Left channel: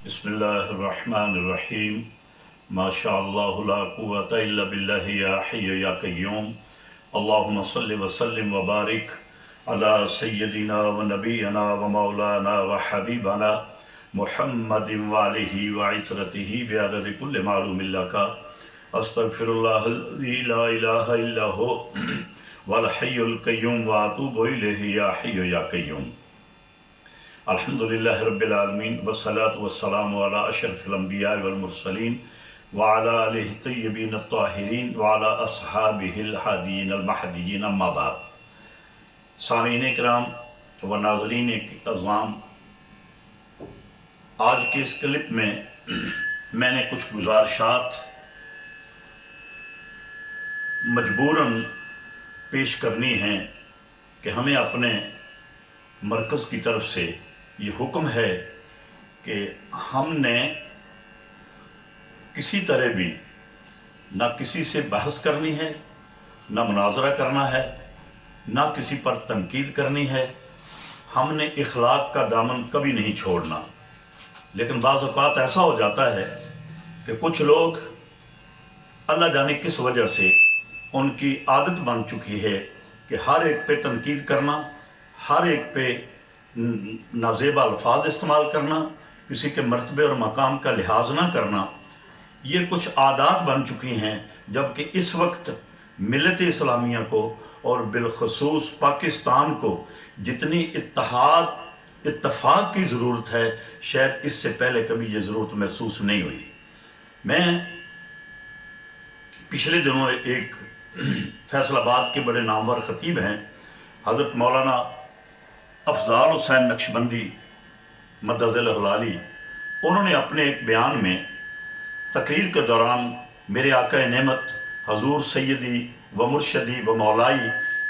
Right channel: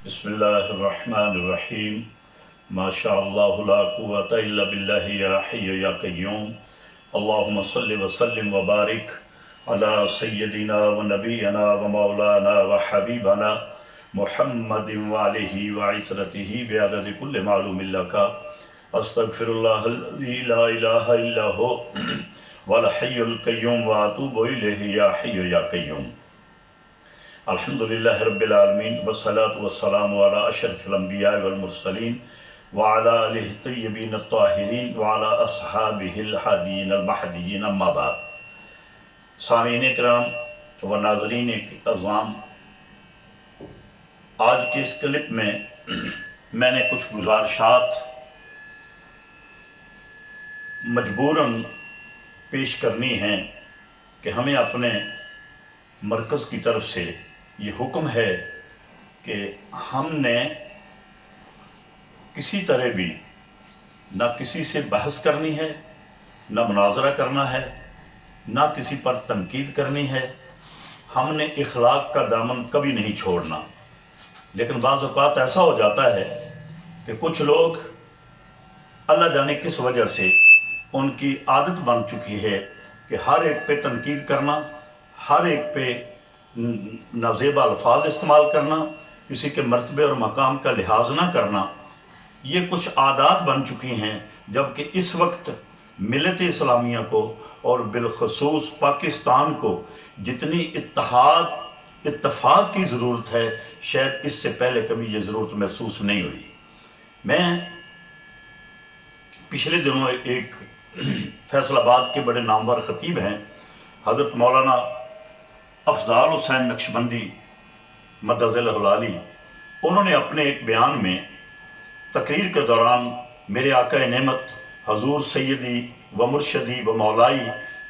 बिस्मिल्लाहिर्रहमानिर्रहीम। माशाअल्लाह ला कुव्वता इल्ला बिल्लाहि या हय्यु या क़य्यूम। अल्लाहुम्मा सल्लि व सल्लिम व बारिक अला सय्यदिना व नबीना व मौलाना व हबीबना मुहम्मदिन व आलिहि व इतरतिहि बिअददि कुल्लि मालूमिन लका। अस्तगफिरुल्लाहल्लज़ी ला इलाहा इल्ला हु वल हय्युल क़य्यूम व अतूबु इलैहि या हय्यु या क़य्यूम। अल्हम्दुलिल्लाहि रब्बिल आलमीन वस्सलातु वस्सलामु अला अशरफिल अंबिया वल मुरसलीन व अला आलिहि तय्यबीन अत्ताहिरीन व अला अस्हाबिहिल हादियीन अल महदियीन, अम्मा बाद। सामीन इकराम व नाज़रीन अज़ाम, आज के इस क्लिप में मैंने कुछ गुज़ारिशात मजबूरन पेश करनी हैं कि हमें अपने मरकज़ की तरफ से ये हुक्म है कि हमने किसी तरह भी ना किसी से बहस करनी है, ना मुनाजरा करना है, ना किसी पर तनकीद करनी है। हमने इखलाक का दामन कभी नहीं छोड़ना। लेकिन बाज़ औक़ात ऐसा हो जाता है कि कुछ लोग अल्लाह जाने किस वजह से उनकी आदत बन चुकी है कि हर एक पे तनकीद करना, हर एक पे नाज़ेबा अल्फाज इस्तेमाल करना, किसी के मर्तबे और मकाम का लिहाज ना करना, ये कुछ आदात बन चुकी हैं। जबकि इस वक्त मिल्लत इस्लामिया को और बिलखसूस पाकिस्तान को जितनी इत्तफ़ाक़ की ज़रूरत है, शायद इससे पहले कभी ये ज़रूरत महसूस नहीं हुई। मैं पिछले दिनों एक फैसलाबाद के बड़े नामवर ख़तीब हैं हज़रत मौलाना अफ़ज़ाल हुसैन नक्शबंदी मद्दज़िल्लहुल आली, उन्होंने अपने एक बयान में तकरीर के दौरान मेरे आका नेमत हजूर सैयदी व मुर्शदी व मौलाई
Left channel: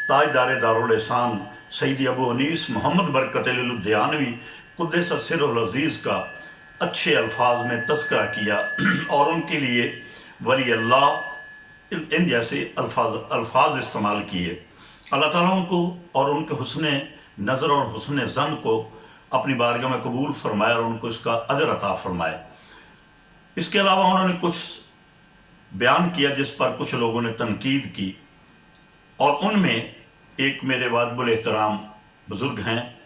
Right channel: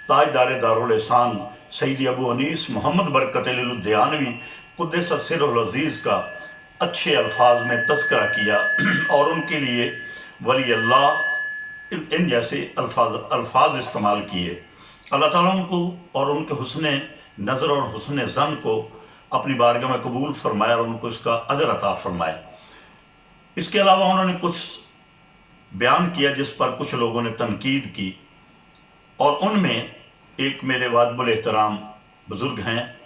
ताजदार दारुल एहसान सैयदी अबू अनीस मोहम्मद बरकत लुधियानवी क़ुद्दस सिर्रुल अज़ीज़ का अच्छे अल्फाज में तज़किरा किया और उनके लिए वली अल्लाह इन जैसे अल्फाज इस्तेमाल किए। अल्लाह ताला उनको और उनके हुस्ने नज़र और हुस्ने ज़न को अपनी बारगाह में कबूल फरमाए और उनको इसका अजर अता फरमाए। इसके अलावा उन्होंने कुछ बयान किया जिस पर कुछ लोगों ने तनकीद की, और उनमें एक मेरे वाजिबुल एहतराम बुज़ुर्ग हैं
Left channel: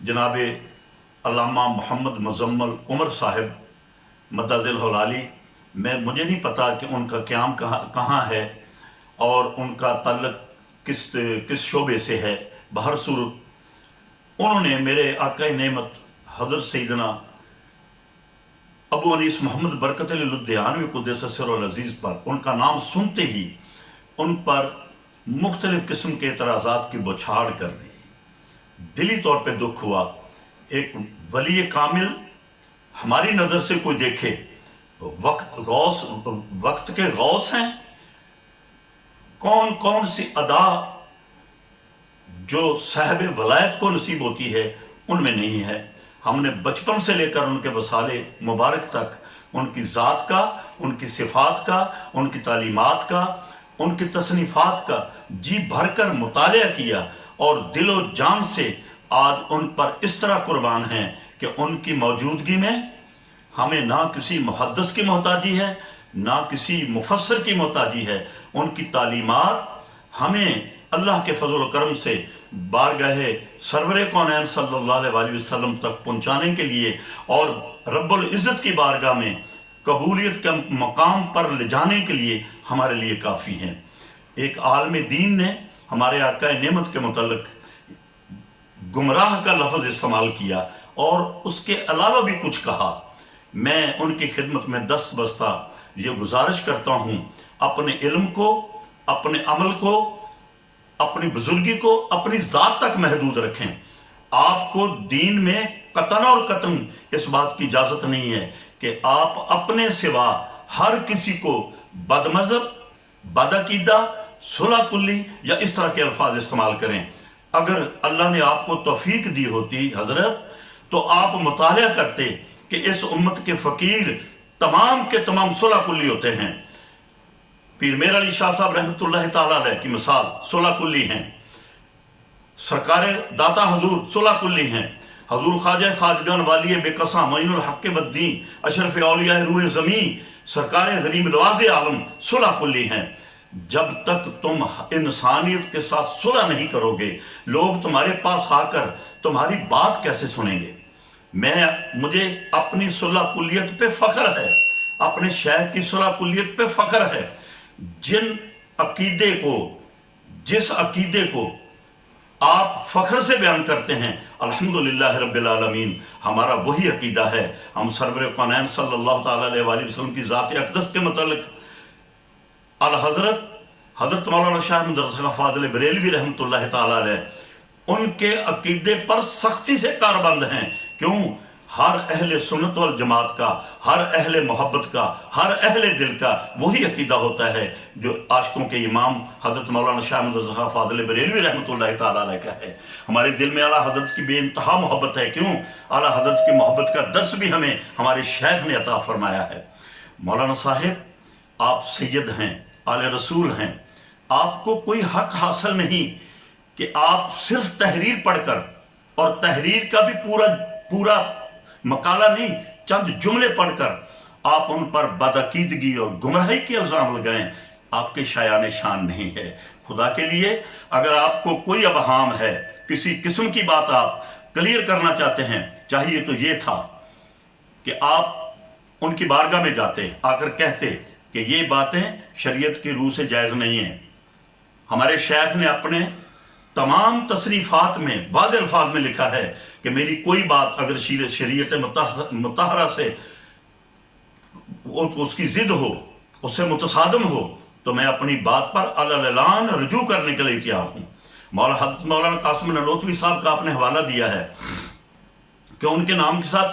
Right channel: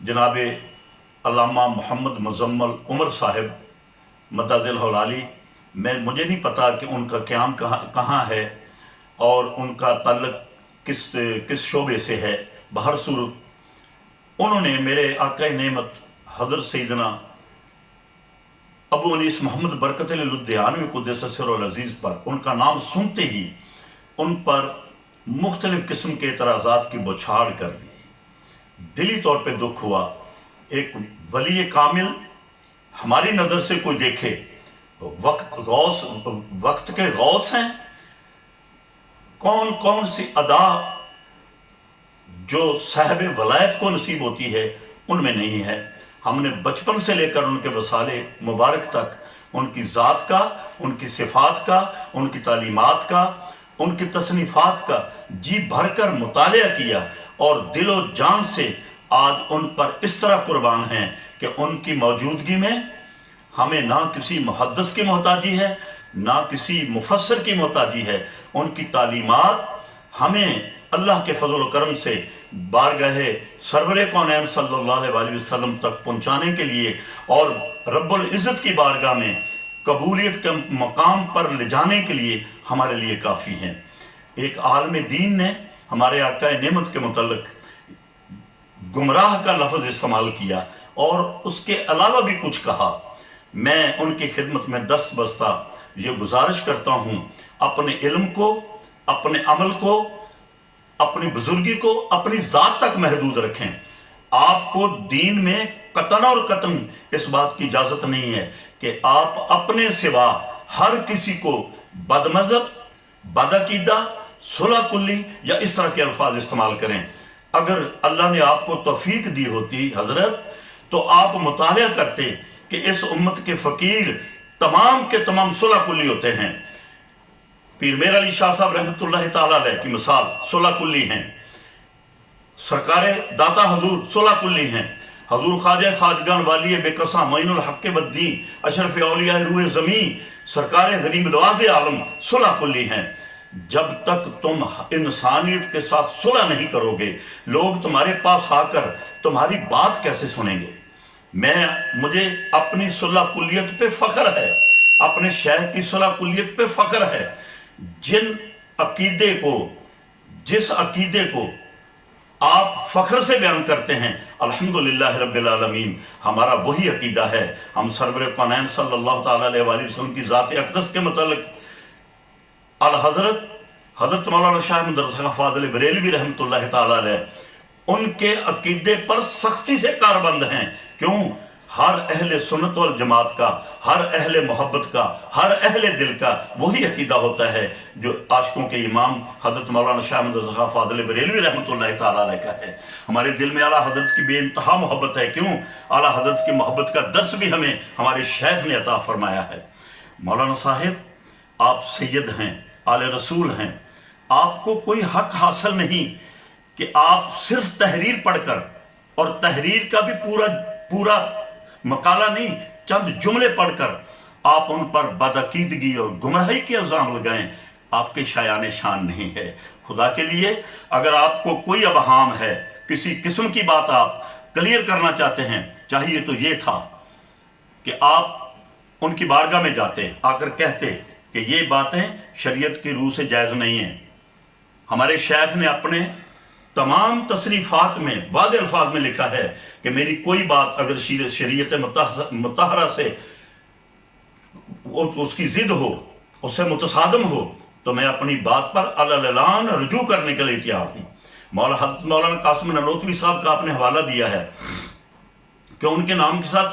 जनाब अल्लामा मोहम्मद मुज़म्मल उमर साहिब मद्दज़िल्लहुल आली। मुझे नहीं पता कि उनका क़याम कहाँ है और उनका ताल्लुक़ किस शोबे से है। बहर सूरत उन्होंने मेरे आका नेमत हज़रत सैयदना अबू अनीस मोहम्मद बरकत लुधियानवी क़ुद्दस सिर्रुल अज़ीज़ पर उनका नाम सुनते ही उन पर मुख्तलिफ़ किस्म के एतराज़ात की बौछार कर दी। दिली तौर पे दुख हुआ। एक वली कामिल हमारी नज़र से कोई देखे, वक्त के गौस हैं, कौन कौन सी अदा जो साहब वलायत को नसीब होती है उनमें नहीं है। हमने बचपन से लेकर उनके वसाले मुबारक तक उनकी ज़ात का, उनकी सिफ़ात का, उनकी तालीमात का, उनकी तसनीफ़ात का जी भर कर मुतालिया किया और दिलो जान से आज उन पर इस तरह कुर्बान हैं कि उनकी मौजूदगी में हमें ना किसी मुहद्दिस की मोहताजी है, ना किसी मुफस्सिर की मोहताजी है। उनकी तालीमात हमें अल्लाह के फजल व करम से बारगाह सरवर कौनैन सल्लल्लाहु अलैहि वसल्लम तक पहुँचाने के लिए और रब्बुल इज़्ज़त की बारगाह में कबूलियत के मकाम पर ले जाने के लिए हमारे लिए काफ़ी हैं। एक आलम दीन ने हमारे आका नेमत के मुतल्लिक़ गुमराह का लफ्ज़ इस्तेमाल किया और उसके अलावा भी कुछ कहा। मैं उनकी खिदमत में दस्त बस्ता ये गुजारिश करता हूँ, अपने इल्म को, अपने अमल को, अपनी बुजुर्गी को अपनी ज़ात तक महदूद रखें। आपको दीन में कतन और कतन इस बात की इजाज़त नहीं है कि आप अपने सिवा हर किसी को बदमज़हब, बदअक़ीदा, सुलह कुल्ली या इस तरह के अल्फाज इस्तेमाल करें। अगर अल्लाह ने आपको तौफीक दी होती हज़रत, तो आप मुतालिया करते कि इस उम्मत के फ़कीर तमाम के तमाम सुलह कुल्ली होते हैं। पीर मेर अली शाह साहब रहमतुल्लाह ताला अलैह की मिसाल सुलह कुल्ली हैं। सरकार दाता हजूर सुलह कुल्ली हैं। हजूर ख्वाजा खाजगान वाली बेकसा मोइनुल हक बद्दीन अशरफ औलिया रूह ज़मी सरकार गरीब नवाज आलम सुलह कुल्ली हैं। जब तक तुम इंसानियत के साथ सुलह नहीं करोगे, लोग तुम्हारे पास आकर तुम्हारी बात कैसे सुनेंगे? मुझे अपनी सुलह कुल्लियत पे फ़ख्र है, अपने शेख की सुलह कुल्लियत पे फ़ख्र है। जिस अकीदे को आप फ़ख्र से बयान करते हैं, अल्हम्दुलिल्लाह रब्बिल आलमीन, हमारा वही अकीदा है। हम सरवर कौनैन सल्लल्लाहु ताला अलैहि वसल्लम की ज़ात अक़दस के मतलब हज़रत मौलाना शाह अहमद रज़ा फ़ाज़िल बरेलवी रहमतुल्लाह ताला अलैह उनके अकीदे पर सख्ती से कारबंद हैं। क्यों? हर अहले सुन्नत वल जमात का, हर अहले मोहब्बत का, हर अहले दिल का वही अकीदा होता है जो आशिकों के इमाम हज़रत मौलाना शाह अहमद रज़ा फ़ाज़िल बरेलवी रहमतुल्लाह ताला अलैह का है। हमारे दिल में आला हज़रत की बेइंतहा मोहब्बत है। क्यों? आला हज़रत की मोहब्बत का दर्स भी हमें हमारे शेख ने अता फरमाया है। मौलाना साहिब, आप सैयद हैं, आले रसूल हैं, आपको कोई हक हासिल नहीं कि आप सिर्फ तहरीर पढ़कर, और तहरीर का भी पूरा मकाला नहीं, चंद जुमले पढ़कर आप उन पर बदअकीदगी और गुमराही के इल्ज़ाम लगाएं, आपके शायान शान नहीं है। खुदा के लिए अगर आपको कोई अबहाम है, किसी किस्म की बात आप क्लियर करना चाहते हैं, चाहिए तो ये था कि आप उनकी बारगाह में जाते, आकर कहते कि ये बातें शरीयत की रूह से जायज़ नहीं हैं। हमारे शेख ने अपने तमाम तसरीफ़ात में वाज़ेह अल्फाज में लिखा है कि मेरी कोई बात अगर शरीयत मुतहरा से उसकी ज़िद हो, उससे मुतसादम हो, तो मैं अपनी बात पर अल-ऐलान रजू करने के लिए तैयार हूँ। मौलाना कासिम ननोतवी साहब का आपने हवाला दिया है कि उनके नाम के साथ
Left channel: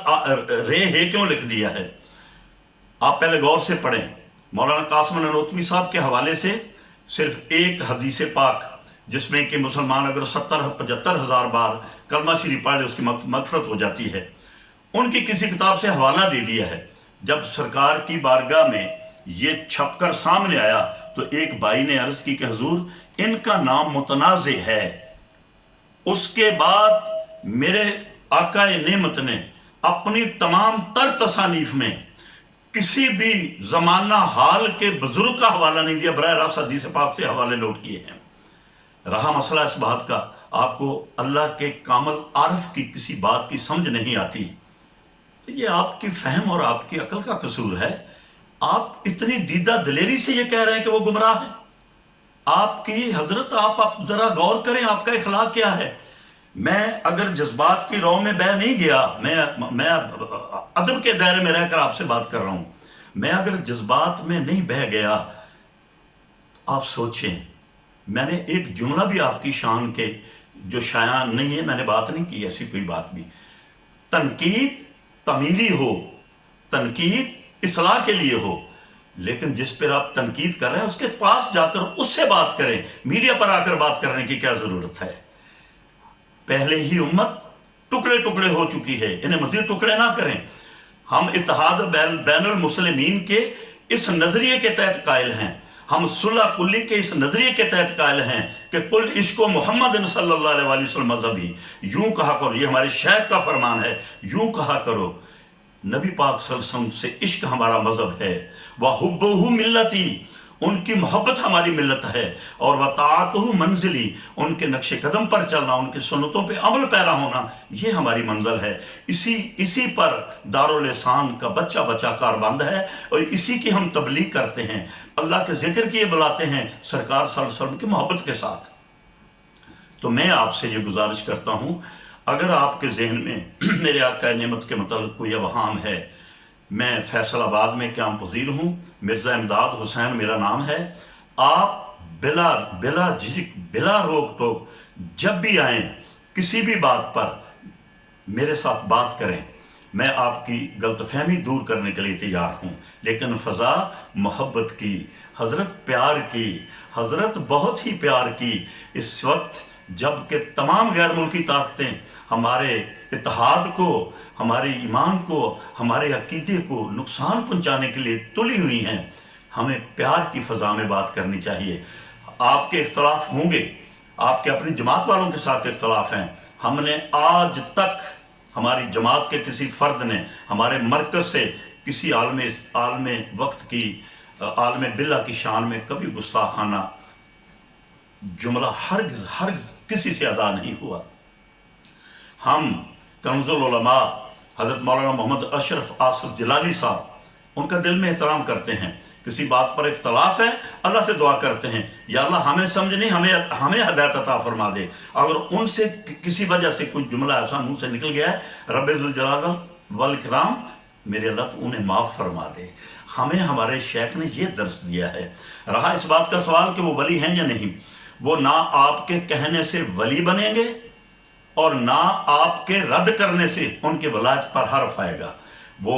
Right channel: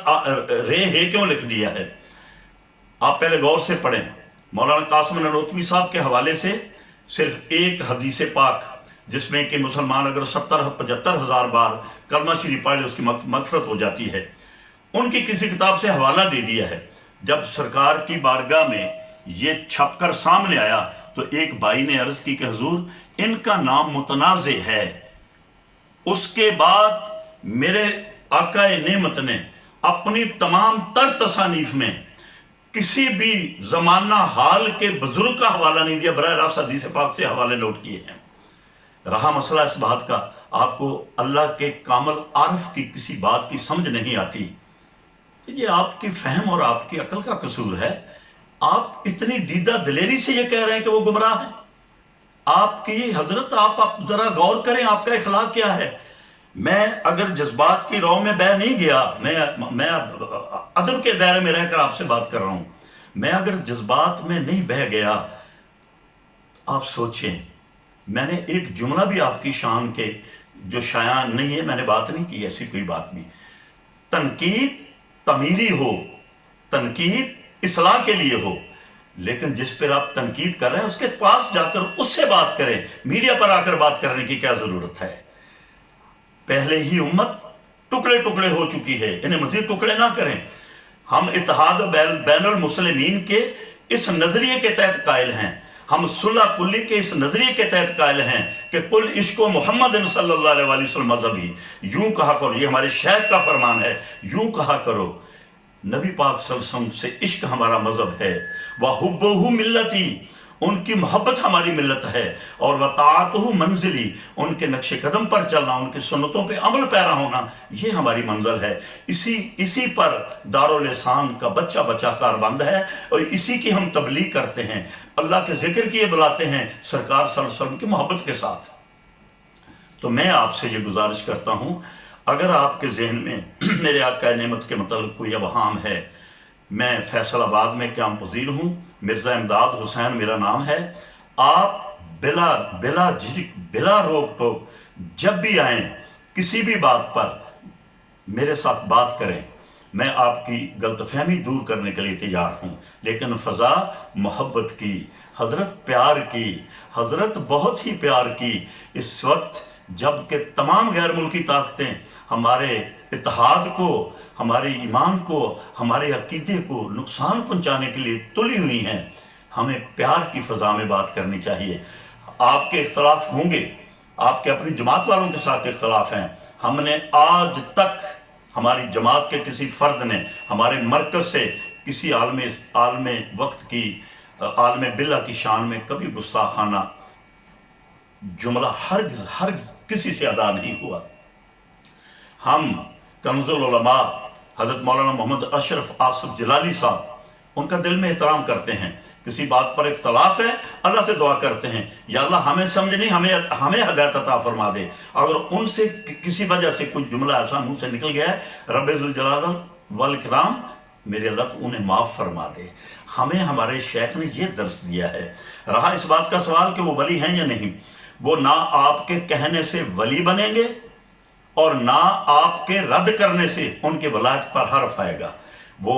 रे है क्यों लिख दिया है। आप पहले गौर से पढ़ें। मौलाना कासिम ननोतवी साहब के हवाले से सिर्फ एक हदीस पाक, जिसमें कि मुसलमान अगर 70-75 हज़ार बार कलमा शरीफ पढ़ ले उसकी मगफरत हो जाती है, उनकी किसी किताब से हवाला दे दिया है। जब सरकार की बारगाह में ये छपकर सामने आया तो एक भाई ने अर्ज़ की कि हुजूर इनका नाम मुतनाज़े है। उसके बाद मेरे आकाए नेमत ने अपनी तमाम तर तसानीफ में किसी भी ज़माना हाल के बुजुर्ग का हवाला नहीं दिया, बराह रास्त हदीस पाक से हवाले नोट किए हैं। रहा मसला इस बात का, आपको अल्लाह के कामल आरफ की किसी बात की समझ नहीं आती, ये आपकी फहम और आपकी अकल का कसूर है। आप इतनी दीदा दिलेरी से ये कह रहे हैं कि वो गुमराह हैं। आपकी हजरत, आप ज़रा गौर करें, आपका इखलाक क्या है। मैं अगर जज्बात की राह में बह नहीं गया, मैं अदब के दायरे में रहकर आपसे बात कर रहा हूँ, मैं अगर जज्बात में नहीं बह गया, आप सोचें, मैंने एक जुमला भी आपकी शान के जो शायान नहीं है, मैंने बात नहीं की ऐसी कोई बात भी। तनकीद तमीरी हो, तनकीद इस्लाह के लिए हो, लेकिन जिस पर आप तनकीद कर रहे हैं उसके पास जाकर उससे बात करें। मीडिया पर आकर बात करने की क्या ज़रूरत है। पहले ही उम्मत टुकड़े टुकड़े हो चुकी है, इन्हें मज़ीद टुकड़े ना करें। हम इत्तेहाद बैनुल मुस्लिमीन के इस नज़रिए के तहत कायल हैं, हम सुलह कुल्ली के इस नज़रिए के तहत कायल हैं कि कुल इश्क़ो मोहम्मद सल्लल्लाहु अलैहि वसल्लम मज़हबी, यूँ कहा करो, ये हमारे शेख का फरमान है, यूँ कहा करो, नबी पाक सल्लल्लाहु अलैहि वसल्लम से इश्क हमारा मज़हब है, व हुब्बुहु मिल्लती, उनकी मोहब्बत हमारी मिल्लत है, और व ताअतुहु मंजिली, उनके नक्शे कदम पर चलना, उनकी सुन्नतों पे अमल पैरा होना, ये हमारी मंजिल है। इसी पर दारुल एहसान का बच्चा कारबंद है, और इसी की हम तबलीग करते हैं, अल्लाह के ज़िक्र किए बुलाते हैं सरकार सल्लल्लाहु अलैहि वसल्लम की मोहब्बत के साथ। तो मैं आपसे ये गुजारिश करता हूँ, अगर आपके जहन में मेरे आका नेमत के मतलब कोई अवहाम है, मैं फैसलाबाद में क़याम पज़ीर हूँ, मिर्ज़ा इमदाद हुसैन मेरा नाम है। आप बिला रोक टोक जब भी आएँ, किसी भी बात पर मेरे साथ बात करें, मैं आपकी गलतफहमी दूर करने के लिए तैयार हूँ। लेकिन फ़ज़ा मोहब्बत की, हज़रत प्यार की, हज़रत बहुत ही प्यार की, इस वक्त जब कि तमाम गैर मुल्की ताकतें हमारे इत्तेहाद को, हमारे ईमान को, हमारे अकीदे को नुकसान पहुंचाने के लिए तुली हुई हैं, हमें प्यार की फ़ज़ा में बात करनी चाहिए। आपके इख्तलाफ होंगे, आपके अपनी जमात वालों के साथ इख्तलाफ हैं, हमने आज तक ہماری جماعت کے کسی فرد نے ہمارے مرکز سے کسی عالم وقت کی عالم باللہ کی شان میں کبھی گستاخانہ جملہ ہرگز کسی سے ادا نہیں ہوا۔ ہم کنز العلماء حضرت مولانا محمد اشرف آصف جلالی صاحب ان کا دل میں احترام کرتے ہیں، کسی بات پر اختلاف ہے اللہ سے دعا کرتے ہیں یا اللہ ہمیں سمجھ نہیں ہمیں ہدایت عطا فرما دے، اگر ان سے کسی وجہ سے کوئی جملہ ایسا منہ سے نکل گیا ہے رب ذوالجلال والاکرام میرے اللہ تو انہیں معاف فرما دے۔ ہمیں ہمارے شیخ نے یہ درس دیا ہے۔ رہا اس بات کا سوال کہ وہ ولی ہیں یا نہیں، وہ نہ آپ کے کہنے سے ولی بنیں گے اور نہ آپ کے رد کرنے سے ان کے ولایت پر حرف آئے گا۔ وہ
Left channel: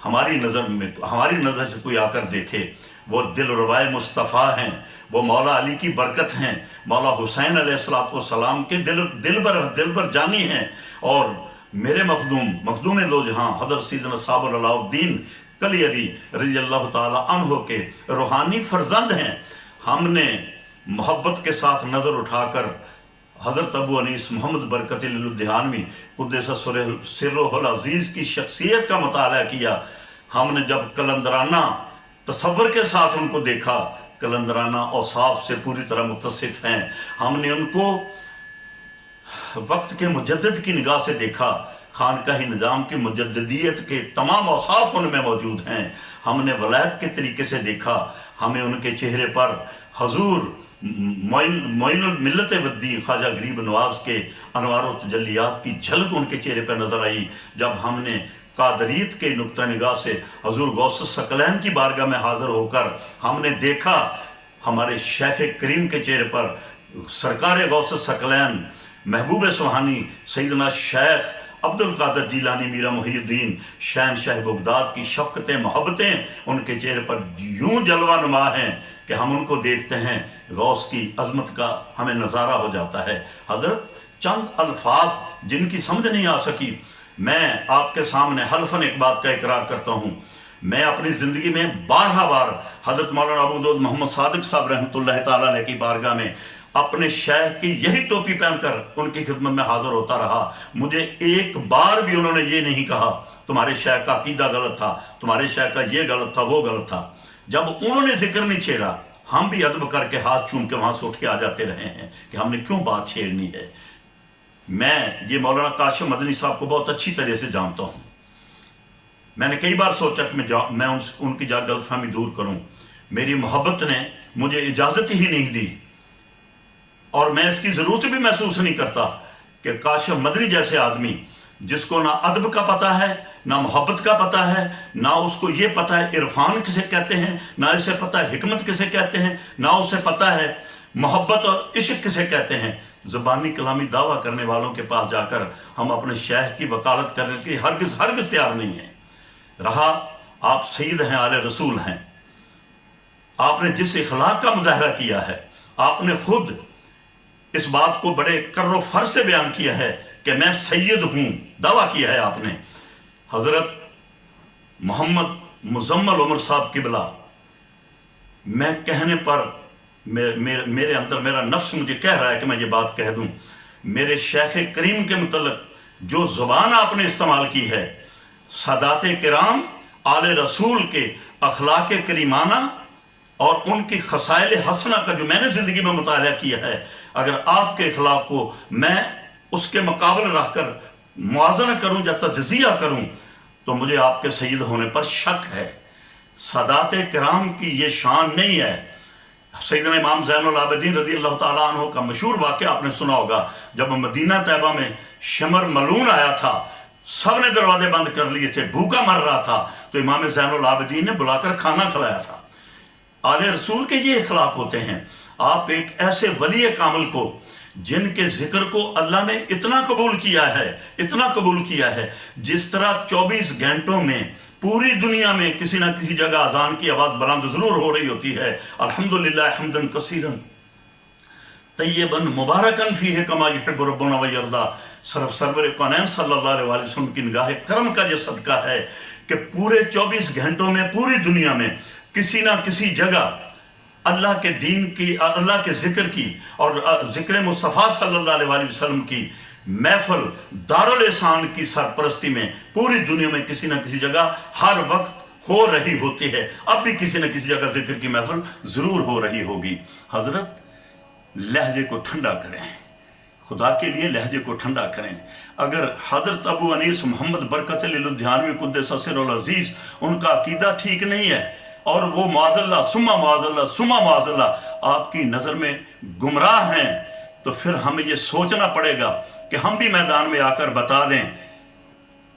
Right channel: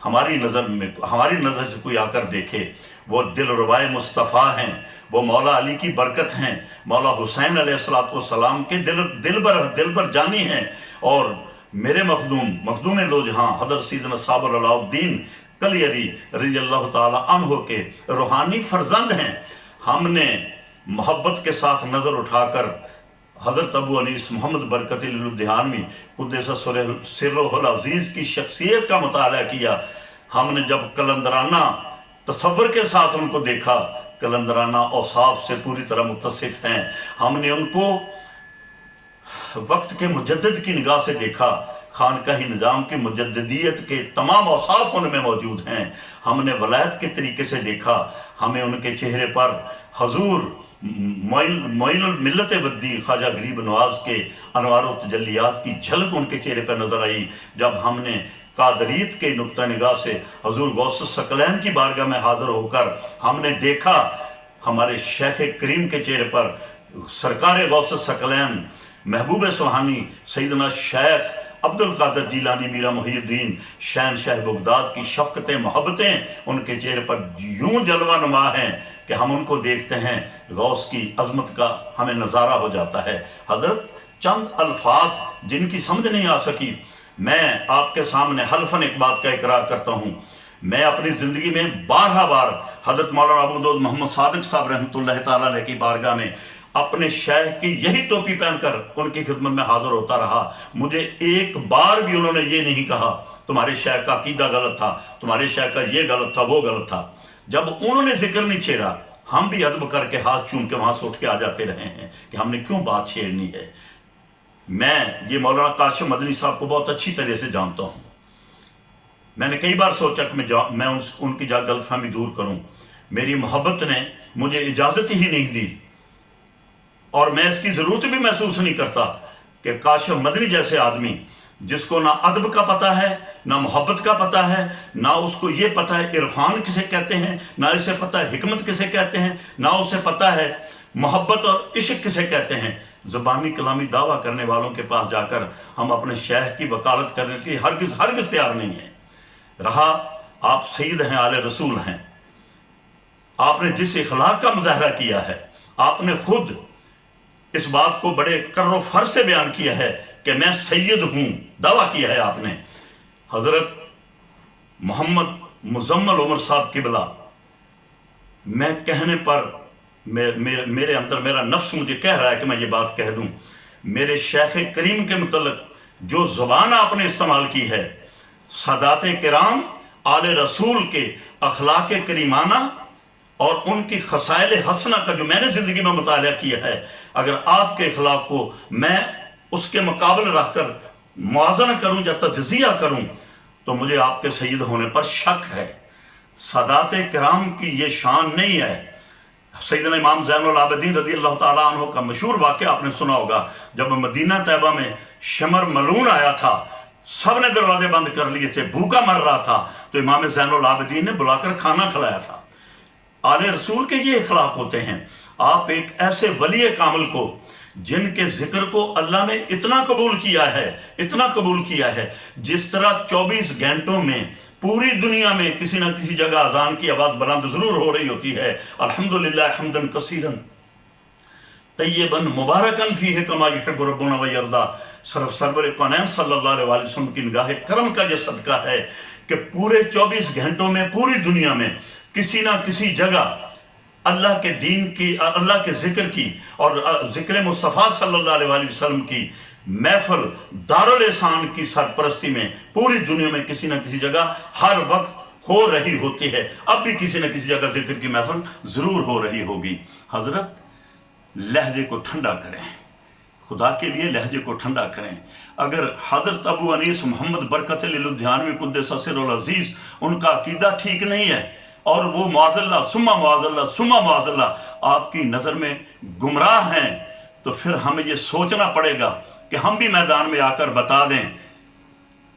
ہماری نظر سے کوئی آ کر دیکھے، وہ دل ربائے مصطفیٰ ہیں، وہ مولا علی کی برکت ہیں، مولا حسین علیہ السلام کے دل بر جانی ہیں، اور میرے مخدوم دو جہاں حضرت سیدنا صابر علاء الدین کلیری رضی اللہ تعالی عنہ کے روحانی فرزند ہیں۔ ہم نے محبت کے ساتھ نظر اٹھا کر حضرت ابو انیس محمد برکت الدہانوی قدس سرہ العزیز کی شخصیت کا مطالعہ کیا۔ ہم نے جب کلندرانہ تصور کے ساتھ ان کو دیکھا، کلندرانہ اوصاف سے پوری طرح متصف ہیں، ہم نے ان کو وقت کے مجدد کی نگاہ سے دیکھا، خانقاہی نظام کی مجددیت کے تمام اوصاف ان میں موجود ہیں۔ ہم نے ولایت کے طریقے سے دیکھا، ہمیں ان کے چہرے پر حضور معین الملت والدین خواجہ غریب نواز کے انوار و تجلیات کی جھلک ان کے چہرے پر نظر آئی۔ جب ہم نے قادریت کے نقطہ نگاہ سے حضور غوث الثقلین کی بارگاہ میں حاضر ہو کر ہم نے دیکھا ہمارے شیخ کریم کے چہرے پر سرکار غوث الثقلین محبوب سبحانی سیدنا شیخ عبد القادر جیلانی میرا محی الدین شہنشاہ بغداد کی شفقتیں محبتیں ان کے چہرے پر یوں جلوہ نما ہیں کہ ہم ان کو دیکھتے ہیں غوث کی عظمت کا ہمیں نظارہ ہو جاتا ہے۔ حضرت چند الفاظ جن کی سمجھ نہیں آ سکی، میں آپ کے سامنے حلفاً ایک بات کا اقرار کرتا ہوں، میں اپنی زندگی میں بار حضرت مولانا ابو داؤد محمد صادق صاحب رحمۃ اللہ تعالیٰ علیہ کی بارگاہ میں اپنے شیخ کی یہی ٹوپی پہن کر ان کی خدمت میں حاضر ہوتا رہا۔ مجھے ایک بار بھی انہوں نے یہ نہیں کہا تمہارے شیخ کا عقیدہ غلط تھا، تمہارے شیخ کا یہ غلط تھا، وہ غلط تھا۔ جب انہوں نے ذکر نہیں چھیڑا، ہم بھی ادب کر کے ہاتھ چوم کے وہاں سے اٹھ کے آ جاتے رہے ہیں کہ ہم نے کیوں بات چھیڑنی ہے۔ میں یہ مولانا کاشف مدنی صاحب کو بہت اچھی طرح سے جانتا ہوں۔ میں نے کئی بار سوچا کہ میں ان کی غلط فہمی دور کروں، میری محبت نے مجھے اجازت ہی نہیں دی، اور میں اس کی ضرورت بھی محسوس نہیں کرتا کہ کاشف مدنی جیسے آدمی جس کو نہ ادب کا پتہ ہے، نہ محبت کا پتہ ہے، نہ اس کو یہ پتہ ہے عرفان کسے کہتے ہیں، نہ اسے پتہ ہے حکمت کسے کہتے ہیں، نہ اسے پتہ ہے محبت اور عشق کسے کہتے ہیں، زبانی کلامی دعویٰ کرنے والوں کے پاس جا کر ہم اپنے شیخ کی وکالت کرنے کے لیے ہرگز تیار نہیں ہیں۔ رہا آپ سید ہیں، آل رسول ہیں، آپ نے جس اخلاق کا مظاہرہ کیا ہے، آپ نے خود اس بات کو بڑے کر و فر سے بیان کیا ہے کہ میں سید ہوں، دعویٰ کیا ہے آپ نے۔ حضرت محمد مزمل عمر صاحب قبلہ، میں کہنے پر میرے اندر میرا نفس مجھے کہہ رہا ہے کہ میں یہ بات کہہ دوں، میرے شیخ کریم کے متعلق جو زبان آپ نے استعمال کی ہے، سادات کرام آل رسول کے اخلاق کریمانہ اور ان کی خصائل حسنہ کا جو میں نے زندگی میں مطالعہ کیا ہے، اگر آپ کے اخلاق کو میں اس کے مقابل رکھ کر موازنہ کروں یا تجزیہ کروں تو مجھے آپ کے سید ہونے پر شک ہے۔ سادات کرام کی یہ شان نہیں ہے۔ سیدنا امام زین العابدین رضی اللہ تعالیٰ عنہ کا مشہور واقعہ آپ نے سنا ہوگا، جب مدینہ طیبہ میں شمر ملعون آیا تھا، سب نے دروازے بند کر لیے تھے، بھوکا مر رہا تھا، تو امام زین العابدین نے بلا کر کھانا کھلایا تھا۔ آل رسول کے یہ اخلاق ہوتے ہیں۔ آپ ایک ایسے ولی کامل کو جن کے ذکر کو اللہ نے اتنا قبول کیا ہے، جس طرح 24 گھنٹوں میں پوری دنیا میں کسی نہ کسی جگہ اذان کی آواز بلند ضرور ہو رہی ہوتی ہے، الحمدللہ حمدن کثیرن طیبا مبارکن فیہ کما یحب ربنا ویرضا۔ صرف سرور کونین صلی اللہ علیہ وسلم کی نگاہ کرم کا یہ صدقہ ہے کہ پورے 24 گھنٹوں میں پوری دنیا میں کسی نہ کسی جگہ اللہ کے دین کی، اللہ کے ذکر کی اور ذکر مصطفیٰ صلی اللہ علیہ وسلم کی महफिल दारुल एहसान की सरपरस्ती में पूरी दुनिया में किसी न किसी जगह हर वक्त हो रही होती है। अब भी किसी न किसी जगह जिक्र की महफिल ज़रूर हो रही होगी। हज़रत, लहजे को ठंडा करें, खुदा के लिए लहजे को ठंडा करें। अगर हज़रत अबू अनीस मोहम्मद बरकत लुधियानवी कुद्दस सिर्रुल अज़ीज़ उनका अकीदा ठीक नहीं है और वो मुआज़ल्ला सुम्मा मुआज़ल्ला सुम्मा मुआज़ल्ला आपकी नज़र में गुमराह हैं, तो फिर हमें ये सोचना पड़ेगा कि हम भी मैदान में आकर बता दें।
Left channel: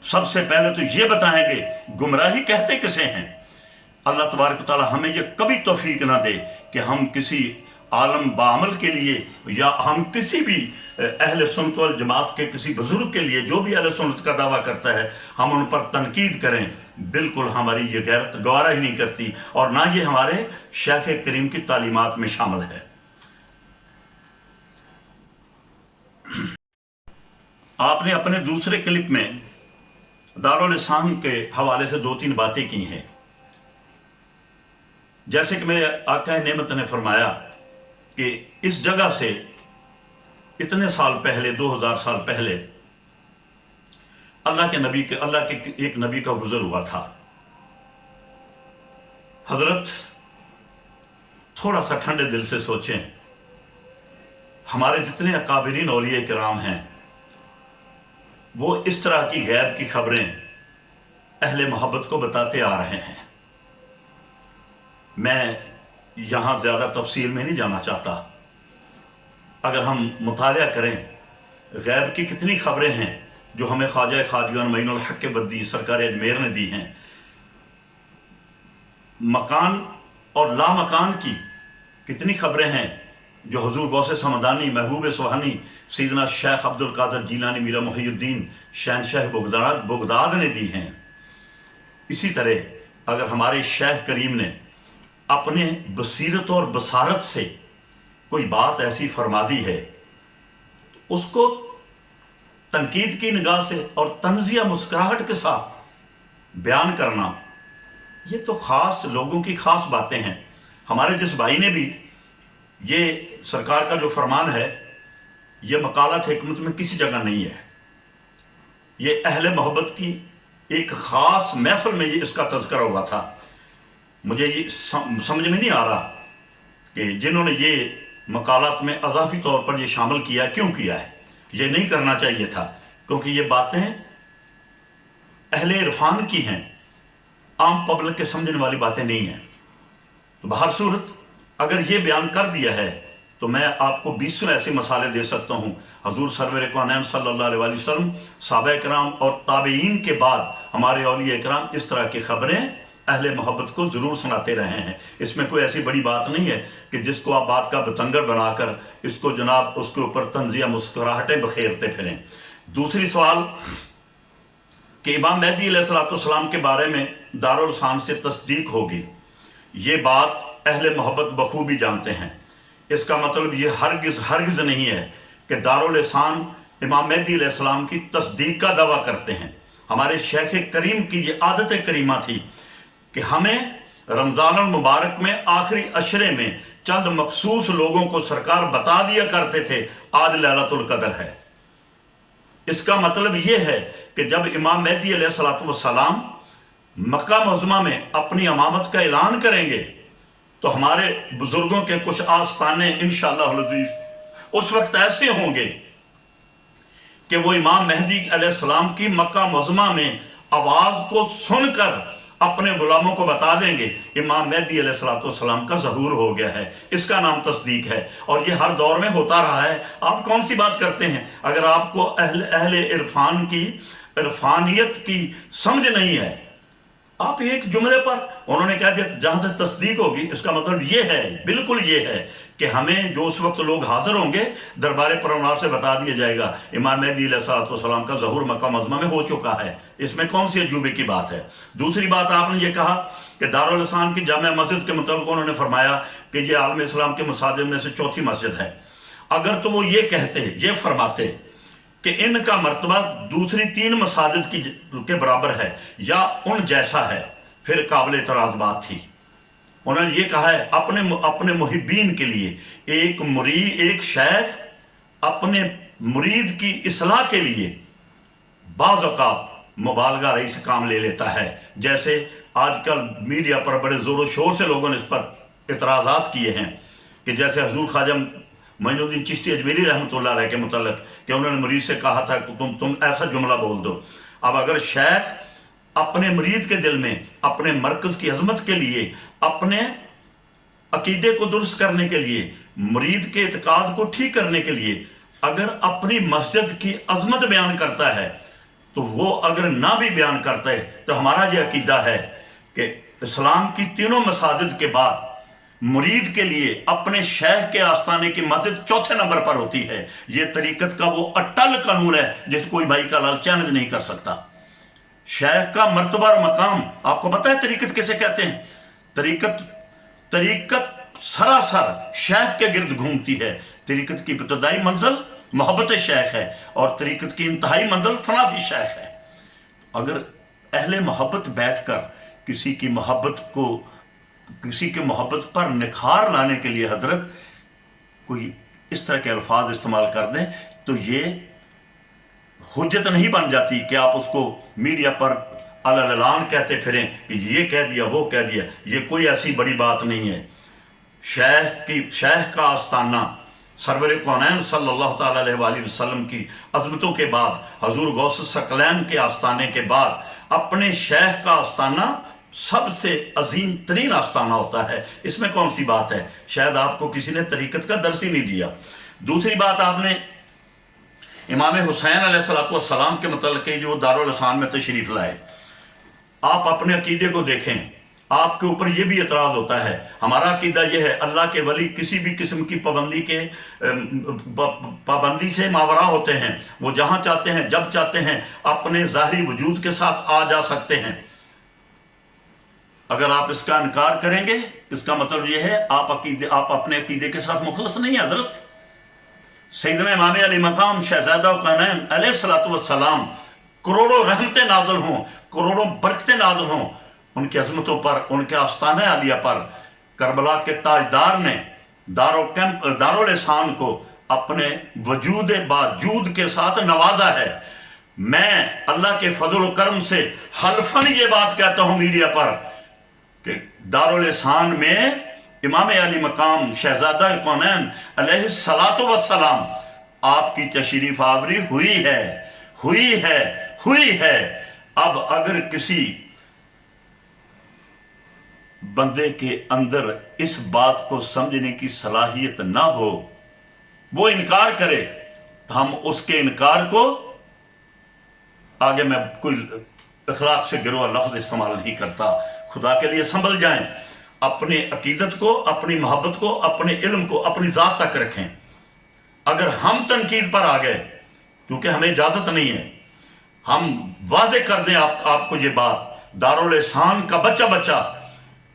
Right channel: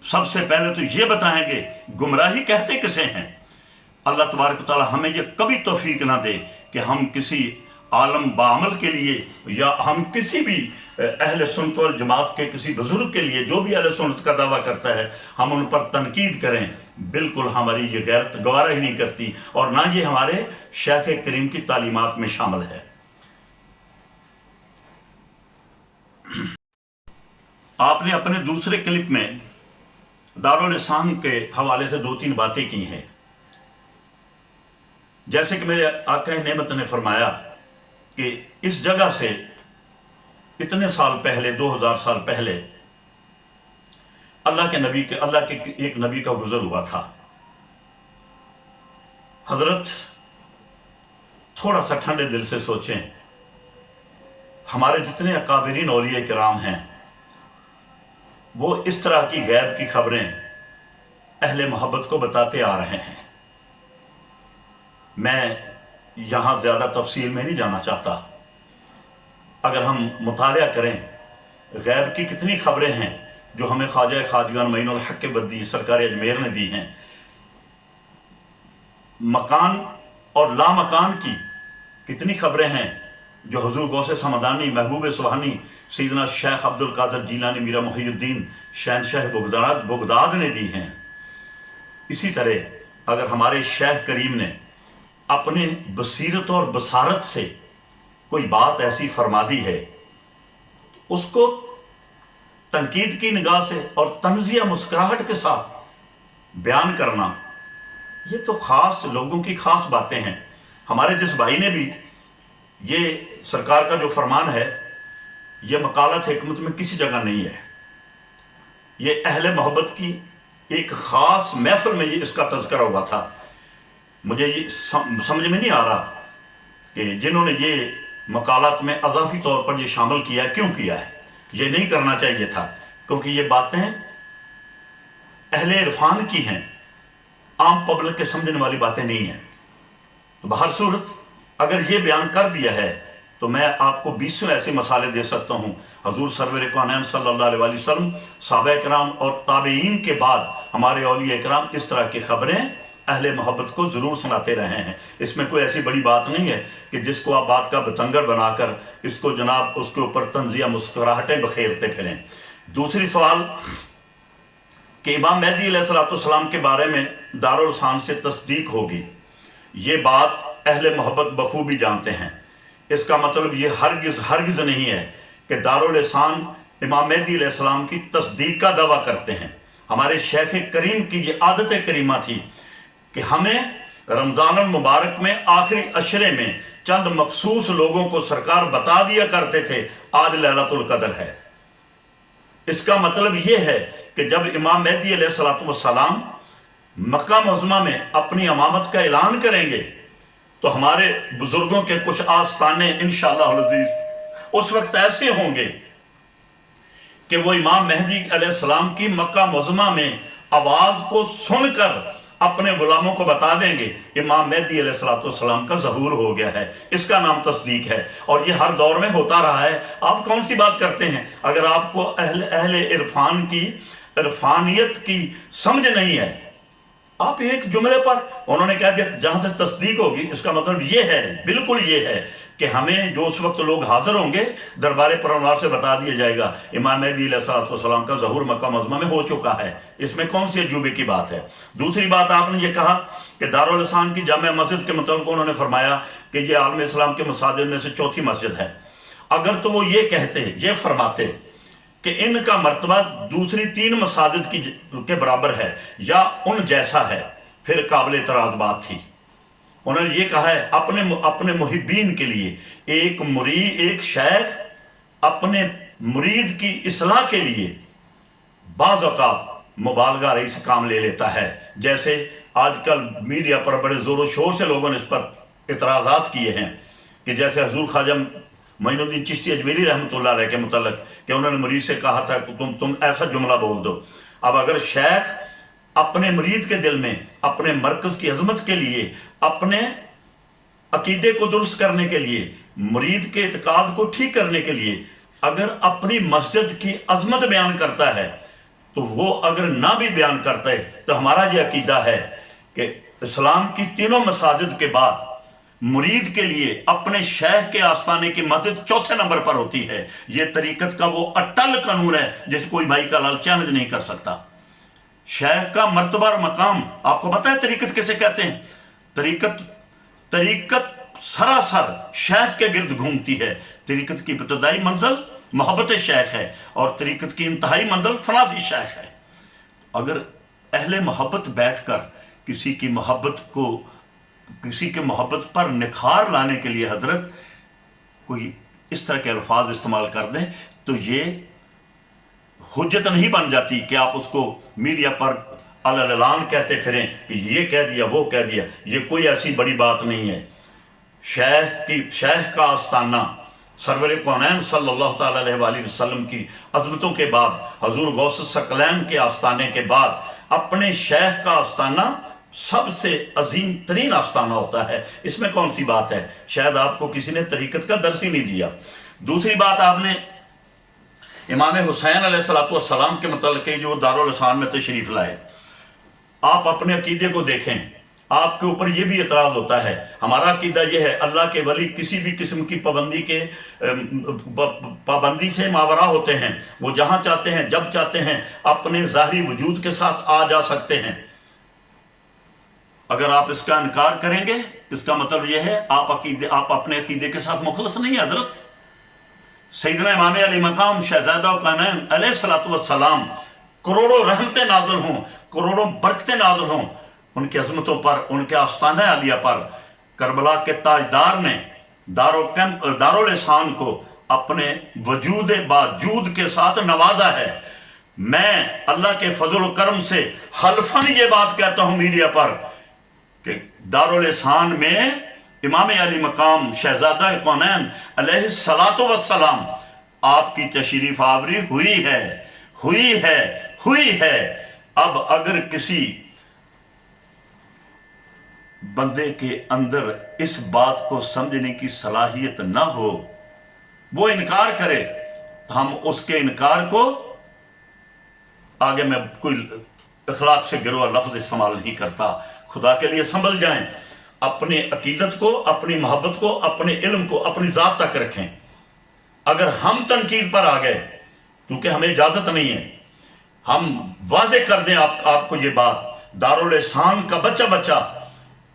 सबसे पहले तो ये बताएंगे गुमराही कहते किसे हैं। अल्लाह तबारक तआला हमें ये कभी तौफीक ना दे कि हम किसी आलम बामल के लिए या हम किसी भी अहले सुन्नत वल जमात के किसी बुजुर्ग के लिए जो भी अहले सुन्नत का दावा करता है हम उन पर तनकीद करें। बिल्कुल हमारी ये गैरत गवारा ही नहीं करती और ना ये हमारे शेख करीम की तालीमात में शामिल है। आपने अपने दूसरे क्लिप में दारुल एहसान के हवाले से 2-3 बातें की हैं। जैसे कि मेरे आका नेमत ने फरमाया कि इस जगह से इतने साल पहले 2000 साल पहले अल्लाह के एक नबी का गुजर हुआ था। हजरत, थोड़ा सा ठंडे दिल से सोचें, हमारे जितने अकाबिरीन औलिया किराम हैं वो इस तरह की गैब की खबरें अहले मोहब्बत को बताते आ रहे हैं। मैं यहाँ ज़्यादा तफसील में नहीं जाना चाहता। अगर हम मुतालिया करें गैब की कितनी खबरें हैं जो हमें ख्वाजा खाजगान मईनुल हक के बद्दी सरकार अजमेर ने दी हैं, मकान और लामकान की कितनी खबरें हैं जो हुजूर गौसे समदानी महबूब सुबहानी सैयदना शेख अब्दुल कादिर जीलानी मीरा मुहियुद्दीन शहनशाह बगदाद ने दी हैं। इसी तरह अगर हमारे शेख करीम ने अपने बसीरत और बसारत से कोई बात ऐसी फरमा दी है तो उसको तनकीद की निगाह से और तंजिया मुस्कुराहट के साथ बयान करना, ये तो ख़ास लोगों की ख़ास बातें हैं। हमारे जिस भाई ने भी ये सरकार का जो फरमान है ये मकालत हिकमत में किसी जगह नहीं है, ये अहले मोहब्बत की एक ख़ास महफिल में ये इसका तज़किरा हुआ था। मुझे ये समझ में नहीं आ रहा कि जिन्होंने ये मकालत में अजाफी तौर पर ये शामिल किया है, क्यों किया है। ये नहीं करना चाहिए था क्योंकि ये बातें अहले इरफान की हैं, आम पब्लिक के समझने वाली बातें नहीं हैं। तो बहर सूरत अगर ये बयान कर दिया है तो मैं आपको 20 ऐसे मसाले दे सकता हूँ। हजूर सरवर कौनैन सल्लल्लाहु अलैहि वसल्लम, सहाबा किराम और ताबईन के बाद हमारे औलिया किराम इस तरह की खबरें अहले मोहब्बत को ज़रूर सुनाते रहे हैं। इसमें कोई ऐसी बड़ी बात नहीं है कि जिसको आप बात का बतंगर बनाकर इसको जनाब उसके ऊपर तंजिया मुस्कुराहटें बखेरते फिरें। दूसरी सवाल कि इमाम मेहदी अलैहिस्सलाम के बारे में दारुल एहसान से तस्दीक होगी, ये बात अहले मोहब्बत बखूबी जानते हैं। इसका मतलब ये हरगिज़ नहीं है कि दारुल एहसान इमाम मेहदी अलैहिस्सलाम की तस्दीक का दावा करते हैं। हमारे शेख करीम की ये आदत करीमा थी कि हमें रमज़ान मुबारक में आखिरी अशरे में चंद मखसूस लोगों को सरकार बता दिया करते थे आज लैलतुल कदर है। इसका मतलब ये है कि जब इमाम मेहदी अलैहिस्सलाम मक्का मुअज़्ज़मा में अपनी इमामत का ऐलान करेंगे तो हमारे बुजुर्गों के कुछ आस्ताने इंशाअल्लाह अज़ीज़ उस वक्त ऐसे होंगे कि वो इमाम मेहदी अलैहिस्सलाम की मक्का मुअज़्ज़मा में आवाज़ को सुनकर अपने गुलामों को बता देंगे इमाम मेहदी अलैहिस्सलाम का ज़हूर हो गया है। इसका नाम तस्दीक है और ये हर दौर में होता रहा है। आप कौन सी बात करते हैं? अगर आपको अहले इरफान की इरफानियत की समझ नहीं है, आप एक जुमले पर उन्होंने कहा कि जहाँ से तस्दीक होगी, इसका मतलब ये है, बिल्कुल ये है कि हमें जो उस वक्त लोग हाजिर होंगे दरबार परवार से बता दिया जाएगा इमाम मेहदी अलैहिस्सलाम का ज़हूर मक्का मुअज़्ज़मा में हो चुका है। इसमें कौन सी अजूबे की बात है? दूसरी बात, आपने ये कहा कि दारुल एहसान की जामिया मस्जिद के मतलब उन्होंने फरमाया कि ये आलम इस्लाम के मसाजिद में से चौथी मस्जिद है। अगर तो वो ये कहते, ये फरमाते कि इनका मर्तबा दूसरी 3 मसाजिद के बराबर है या उन जैसा है, फिर काबिल एतराज़ बात थी। उन्होंने ये कहा है अपने मुहिब्बीन के लिए एक मुरीद, एक शेख अपने मुरीद की इस्लाह के लिए बाज़ औक़ात मुबालगा रही से काम ले लेता है। जैसे आजकल मीडिया पर बड़े ज़ोर शोर से लोगों ने इस पर इतराज़ात किए हैं कि जैसे हजूर ख्वाजा मोइनुद्दीन चिश्ती अजमेरी रहमतुल्लाह अलैह के मुतल्लक कि उन्होंने मुरीद से कहा था कि तुम ऐसा जुमला बोल दो। अब अगर शेख अपने मुरीद के दिल में अपने मरकज़ की अजमत के लिए, अपने अकीदे को दुरुस्त करने के लिए, मुरीद के इत्काद को ठीक करने के लिए अगर अपनी मस्जिद की अजमत बयान करता है, तो वो अगर ना भी बयान करता है तो हमारा ये अकीदा है कि इस्लाम की तीनों मसाजिद के बाद मुरीद के लिए अपने शेख के आस्थाने की मस्जिद चौथे नंबर पर होती है। ये तरीकत का वो अटल कानून है जिसे कोई भाई का लाल चैलेंज नहीं कर सकता। शेख का मर्तबा और मकाम आपको पता है तरीकत किसे कहते हैं? तरीकत सरासर शेख के गिर्द घूमती है। तरीकत की इब्तदाई मंजिल मोहब्बत शेख है और तरीकत की इंतहाई मंजिल फनाफी शेख है। अगर अहले मोहब्बत बैठकर किसी की मोहब्बत पर निखार लाने के लिए हजरत कोई इस तरह के अल्फाज इस्तेमाल कर दें तो ये हुज्जत नहीं बन जाती कि आप उसको मीडिया पर अल-ऐलान कहते फिरें कि ये कह दिया वो कह दिया। ये कोई ऐसी बड़ी बात नहीं है। शेख का आस्ताना सरवर कौनैन सल्लल्लाहु ताला अलैहि वसल्लम की अज़मतों के बाद, हजूर गौस सकलैन के आस्ताने के बाद अपने शेख का आस्ताना सबसे अजीम तरीन आस्ताना होता है। इसमें कौन सी बात है? शायद आपको किसी ने तरीकत का दर्स ही नहीं दिया। दूसरी बात, आपने इमाम हुसैन अलैहिस्सलाम के मतलब जो दारुल अहसान में तशरीफ़ लाए, आप अपने अकीदे को देखें, आपके ऊपर ये भी एतराज़ होता है। हमारा अकीदा यह है अल्लाह के वली किसी भी किस्म की पाबंदी से मावरा होते हैं। वो जहाँ चाहते हैं जब चाहते हैं अपने ज़ाहिरी वजूद के साथ आ जा सकते हैं। अगर आप इसका इनकार करेंगे इसका मतलब यह है आप अपने अकीदे के साथ मुखलस नहीं है। हज़रत सैयदना इमाम अली मकाम शहज़ादा कौनैन अलैहिस्सलातु वस्सलाम करोड़ों रहमतें नाज़िल हों, करोड़ों बरकतें नाज़िल हों उनकी अज़मतों पर, उनके आस्ताना आलिया पर। करबला के ताजदार ने दारुल एहसान को अपने वजूद बाजूद के साथ नवाजा है। मैं अल्लाह के फजल करम से हल्फन ये बात कहता हूँ मीडिया पर कि दारुल एहसान में इमाम अली मकाम शहज़ादा कौनैन अलैहिस्सलातु वस्सलाम आपकी तशरीफ़ आवरी हुई है। अब अगर किसी बंदे के अंदर इस बात को समझने की सलाहियत ना हो, वो इनकार करे, तो हम उसके इनकार को आगे मैं कोई अखलाक से गिरोह लफ्ज़ इस्तेमाल नहीं करता। खुदा के लिए संभल जाएं, अपने अकीदत को, अपनी मोहब्बत को, अपने इल्म को अपनी ज़ात तक रखें। अगर हम तनकीद पर आ गए, क्योंकि हमें इजाज़त नहीं है, हम वाज़े कर दें आपको ये बात, दारुल एहसान का बच्चा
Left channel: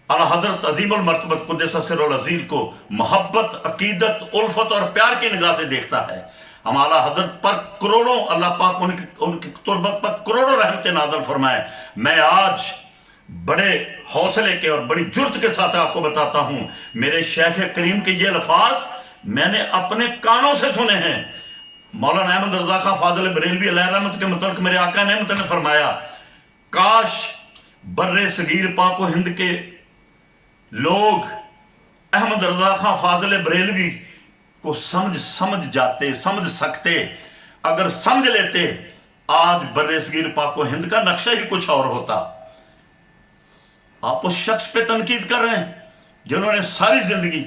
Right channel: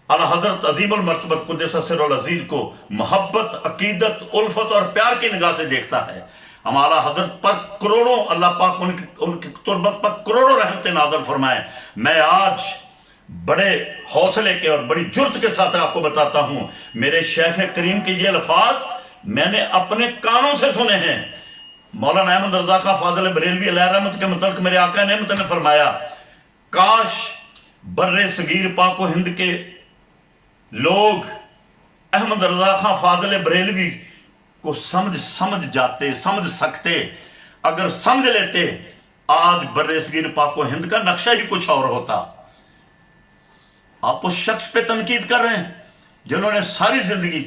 आला हज़रत अज़ीमुल मर्तबत क़ुद्दस सिर्रुल अज़ीज़ को मोहब्बत, अकीदत, उल्फत और प्यार की निगाह से देखता है। हम आला हज़रत पर करोड़ों, अल्लाह पाक उनकी तुरबत पर करोड़ों रहमतें नाज़िल फरमाए। मैं आज बड़े हौसले के और बड़ी जुर्त के साथ आपको बताता हूँ, मेरे शेख करीम के ये अल्फाज मैंने अपने कानों से सुने हैं। मौलाना अहमद रज़ा खां फाज़िल बरेलवी अलैहि रहमत के मुतल्लिक़ मेरे आका नेमत ने फरमाया, काश बर्रे सगीर पाको हिंद के लोग अहमद रज़ा खां फाज़िल बरेलवी को समझ सकते। अगर समझ लेते, आज बर्रे सगीर पाको हिंद का नक्शा ही कुछ और होता। आप उस शख्स पे तनकीद कर रहे हैं जिन्होंने सारी जिंदगी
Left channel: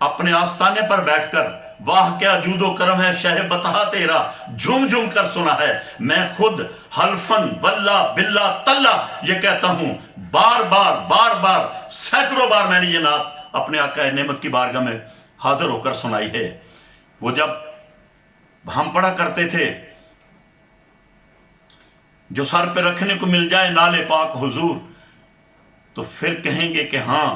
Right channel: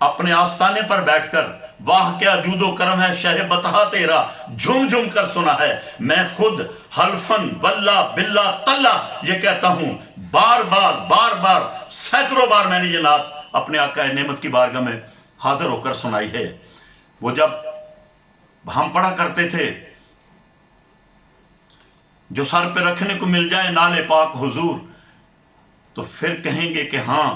अपने आस्थाने पर बैठकर वाह क्या जूदो करम है शह बता तेरा झूम झूम कर सुना है। मैं खुद हल्फन वल्ला बिल्ला तल्ला ये कहता हूं, बार बार सैकड़ों बार मैंने ये नात अपने आका नेमत की बारगाह में हाजिर होकर सुनाई है। वो जब हम पढ़ा करते थे, जो सर पे रखने को मिल जाए नाले पाक हुजूर, तो फिर कहेंगे कि हाँ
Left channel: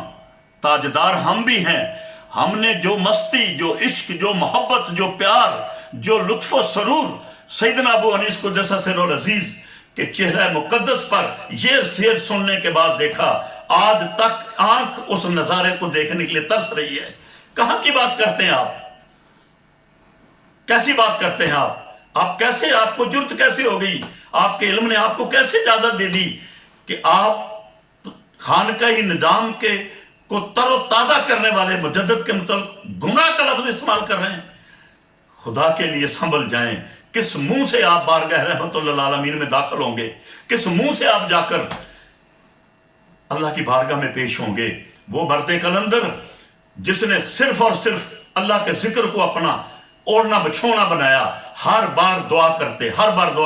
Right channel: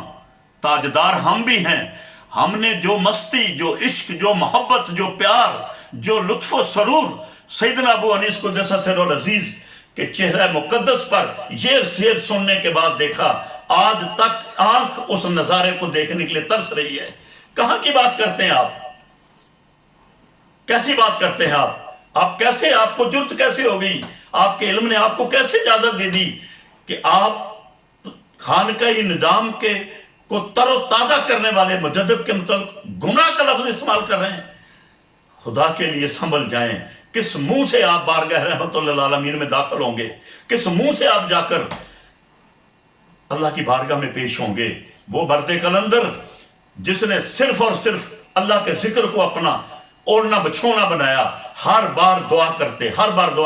ताजदार हम भी हैं। हमने जो मस्ती, जो इश्क, जो मोहब्बत, जो प्यार, जो लुत्फ़ सरूर सैयदना अबू अनीस क़ुद्दस सिर्रुल अज़ीज़ के चेहरा मुक़द्दस पर ये शेर सुनने के बाद देखा, आज तक आंख उस नज़ारे को देखने के लिए तरस रही है। कहाँ की बात करते हैं आप? कैसी बात करते हैं आप कैसे, आपको जुर्त कैसे हो गई, आपके इल्म ने आपको कैसे इजाजत दे दी कि आप खानकाही निजाम के को तरोताज़ा करने वाले मुजद्दिद के मतलब गुमराह का लफ्ज इस्तेमाल कर रहे हैं। खुदा के लिए संभल जाएं। किस मुंह से आप बारगाह रहमतुल्लिल आलमीन में दाखिल होंगे, किस मुंह से आप जाकर अल्लाह की बारगाह में पेश होंगे। वो मर्द कलंदर जिसने सिर्फ और सिर्फ अल्लाह के जिक्र को अपना ओढ़ना बिछोना बनाया, हर बार दुआ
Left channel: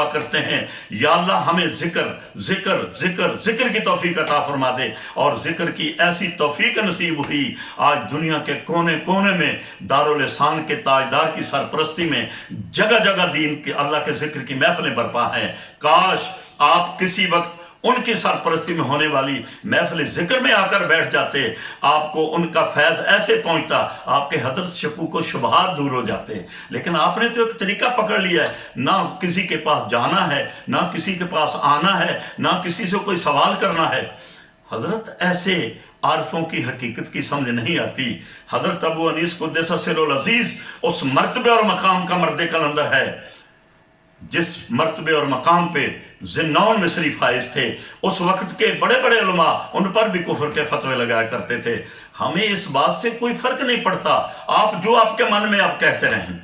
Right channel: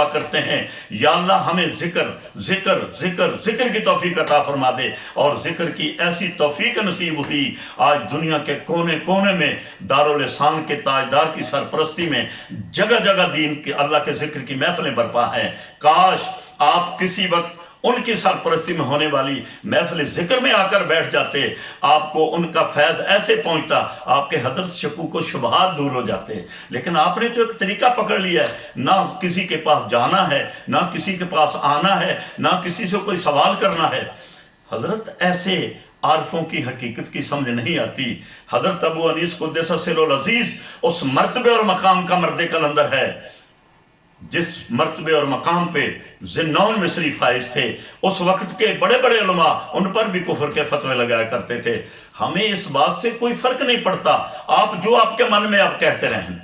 करते हैं, या अल्लाह हमें जिक्र की तौफीक अता फरमा दे। और जिक्र की ऐसी तौफीक नसीब हुई, आज दुनिया के कोने कोने में दारुल ihsan के ताजदार की सरपरस्ती में जगह जगह दीन के अल्लाह के जिक्र की महफिलें बरपा हैं। काश आप किसी वक्त उनकी सरपरस्ती में होने वाली महफिल जिक्र में आकर बैठ जाते, आपको उनका फैज़ ऐसे पहुंचता, आपके हजरत शकूक व शुबहात दूर हो जाते। लेकिन आपने तो एक तरीका पकड़ लिया है, ना किसी के पास जाना है, ना किसी के पास आना है, ना किसी से कोई सवाल करना है। हजरत ऐसे आरफों की हकीकत की समझ नहीं आती। हजरत अबू अनीस कुद्दस सिर्रुल अजीज उस मर्तबे और मकाम का मर्द कलंदर है जिस मर्तबे और मकाम पे ज़िन्नौन मिस्री फाइज थे। उस वक्त के बड़े बड़े उलमा उन पर भी कुफर के फतवे लगाया करते थे। हमें इस बात से कोई फर्क नहीं पड़ता, आप जो आपके मन में आप कहते रहें।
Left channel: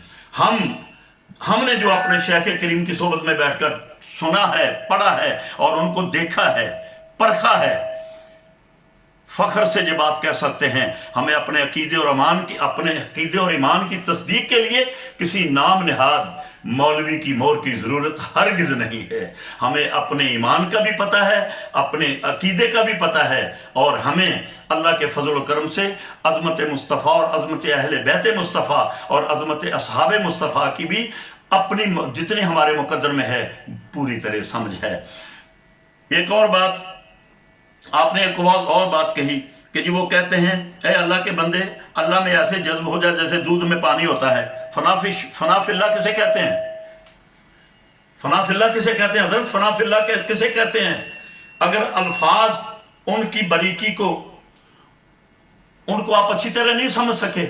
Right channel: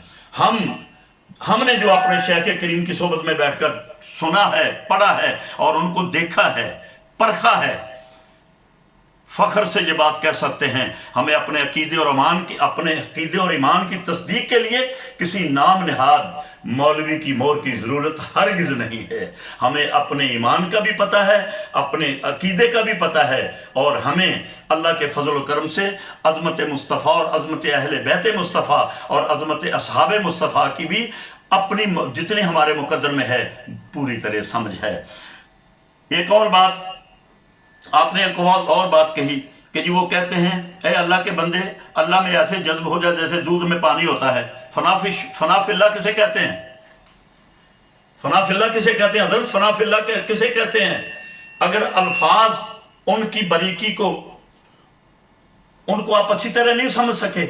हमने जो अपने शेख करीम की सोबत में बैठकर सुना है, पढ़ा है और उनको देखा है, परखा है, फख्र से ये बात कह सकते हैं। हमें अपने अकीदे और ईमान की तस्दीक के लिए किसी नाम निहाद मौलवी की मोहर की ज़रूरत हरगिज़ नहीं है। हमें अपने ईमान का भी पता है, अपने अकीदे का भी पता है, और हमें अल्लाह के फजल करम से अज़मत मुस्तफ़ा और अज़मत अहले बैत मुस्तफ़ा और अज़मत असहाब मुस्तफ़ा की भी अपनी जितने हमारे मुकद्दर में है पूरी तरह समझ है। एक और बात आपने एक और बात कही कि जी वो कहते हैं, ए अल्लाह के बंदे, अल्लाह में ऐसे जज्ब हो जाए जैसे दूध में पानी होता है। फनाफिल्ला किसे कहते हैं? फनाफिल्ला किसे कहते हैं हजरत? फनाफिल्ला किसे कहते हैं? अगर अल्फाज उनकी बारीकी को उनको आप अच्छी तरह नहीं समझ सके,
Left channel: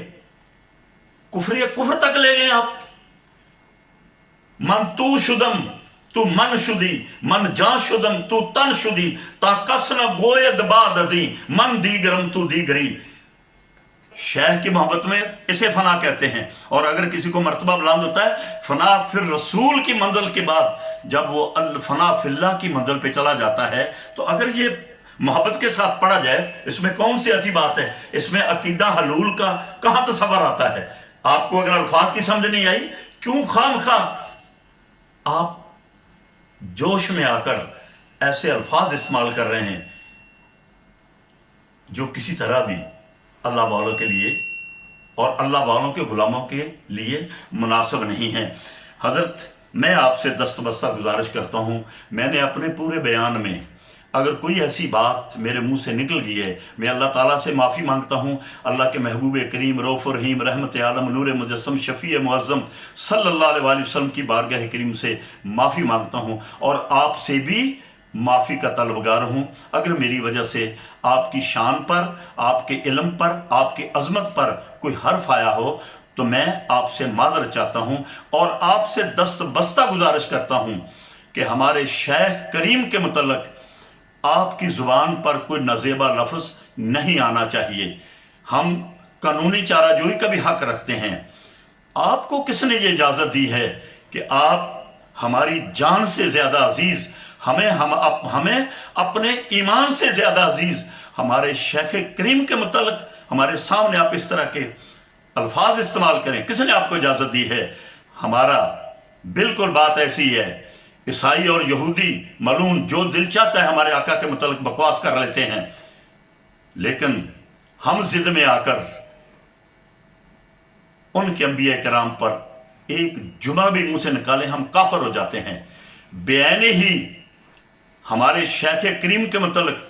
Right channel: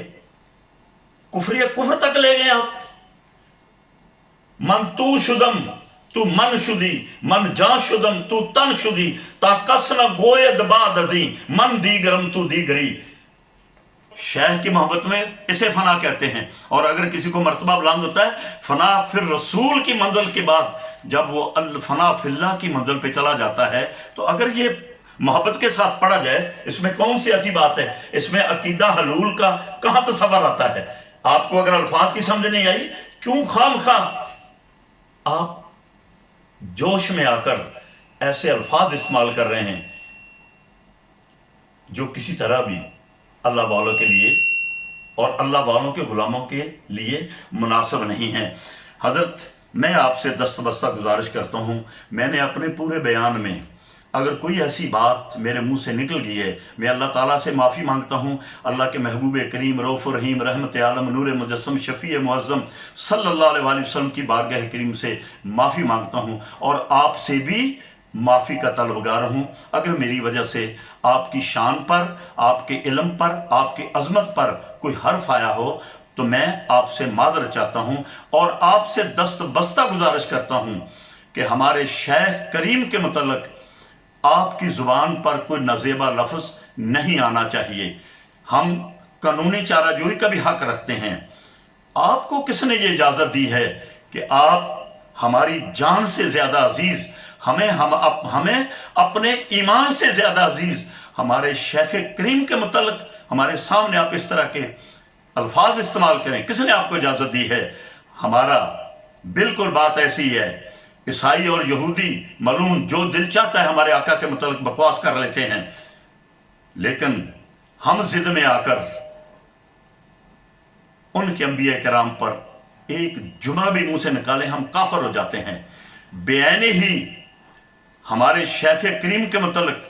कुफ्र तक ले गए आप। मन तू शुदम तू मन शुदी, मन जा शुदम तू तन शुदी, ताकस न गोय दबा दजी, मन दीगरम तू दीगरी। शेख की मोहब्बत में इसे फना कहते हैं। और अगर किसी को मर्तबा बुलंद होता है फना, फिर रसूल की मंजिल के बाद जब वो अल फना फिल्ला की मंजिल पे चला जाता है, तो अगर ये मोहब्बत के साथ पढ़ा जाए, इसमें कौन सी ऐसी बात है? इसमें अकीदा हलूल का कहाँ तसव्वुर आता है? आपको अगर अल्फाज की समझ नहीं आई, क्यों खामखा आप जोश में आकर ऐसे अल्फाज इस्तेमाल कर रहे हैं जो किसी तरह भी अल्लाह वालों के लिए और अल्लाह वालों के गुलामों के लिए मुनासिब नहीं है। हज़रत, मैं आपसे दस्तबस्ता गुजारिश करता हूँ, मैंने अपने पूरे बयान में अगर कोई ऐसी बात मेरे मुंह से निकल गई है, मैं अल्लाह ताला से माफ़ी मांगता हूँ। अल्लाह के महबूब करीम रऊफ़ रहीम रहमत आलम नूर मुजस्सम शफ़ी मुअज़्ज़म सल्लल्लाहु अलैहि वसल्लम की बारगाह करीम से माफ़ी मांगता हूँ और आपसे भी माफ़ी का तलबगार हूँ। अगर मेरी वजह से आपकी शान पर, आपके इल्म पर, आपकी अज़मत पर कोई हर्फ आया हो तो मैं आपसे माज़रत चाहता हूँ और आपसे दस्तबस्ता गुजारिश करता हूँ कि हमारे शेख करीम के मुतल्लिक़ आपकी ज़ुबान पर कोई नज़ेबा लफ्ज़ नहीं आना चाहिए। हम कानूनी चाराजोई का भी हक़ रखते हैं। आपको किसने ये इजाज़त दी है कि आप हमारी जान से ज़्यादा अजीज़, हमें अपने ईमान से ज़्यादा अजीज़ हमारे शेख करीम के मुतल्लिक़ हमारे सामने आप इस तरह के अल्फाज इस्तेमाल करें? किसने आपको इजाज़त दी है? हमारा बिल्कुल बात ऐसी है। ईसाई और यहूदी मलून जो दिल चाहता है हमारे आका के मुतल्लिक़ बकवास कर लेते हैं, लेकिन हम ज़िद में आकर उनके अंबिया कराम पर एक जुमा भी मुंह से निकालें, हम काफिर हो जाते हैं। बेआईनी ही हमारे शेख करीम के मुतल्लिक़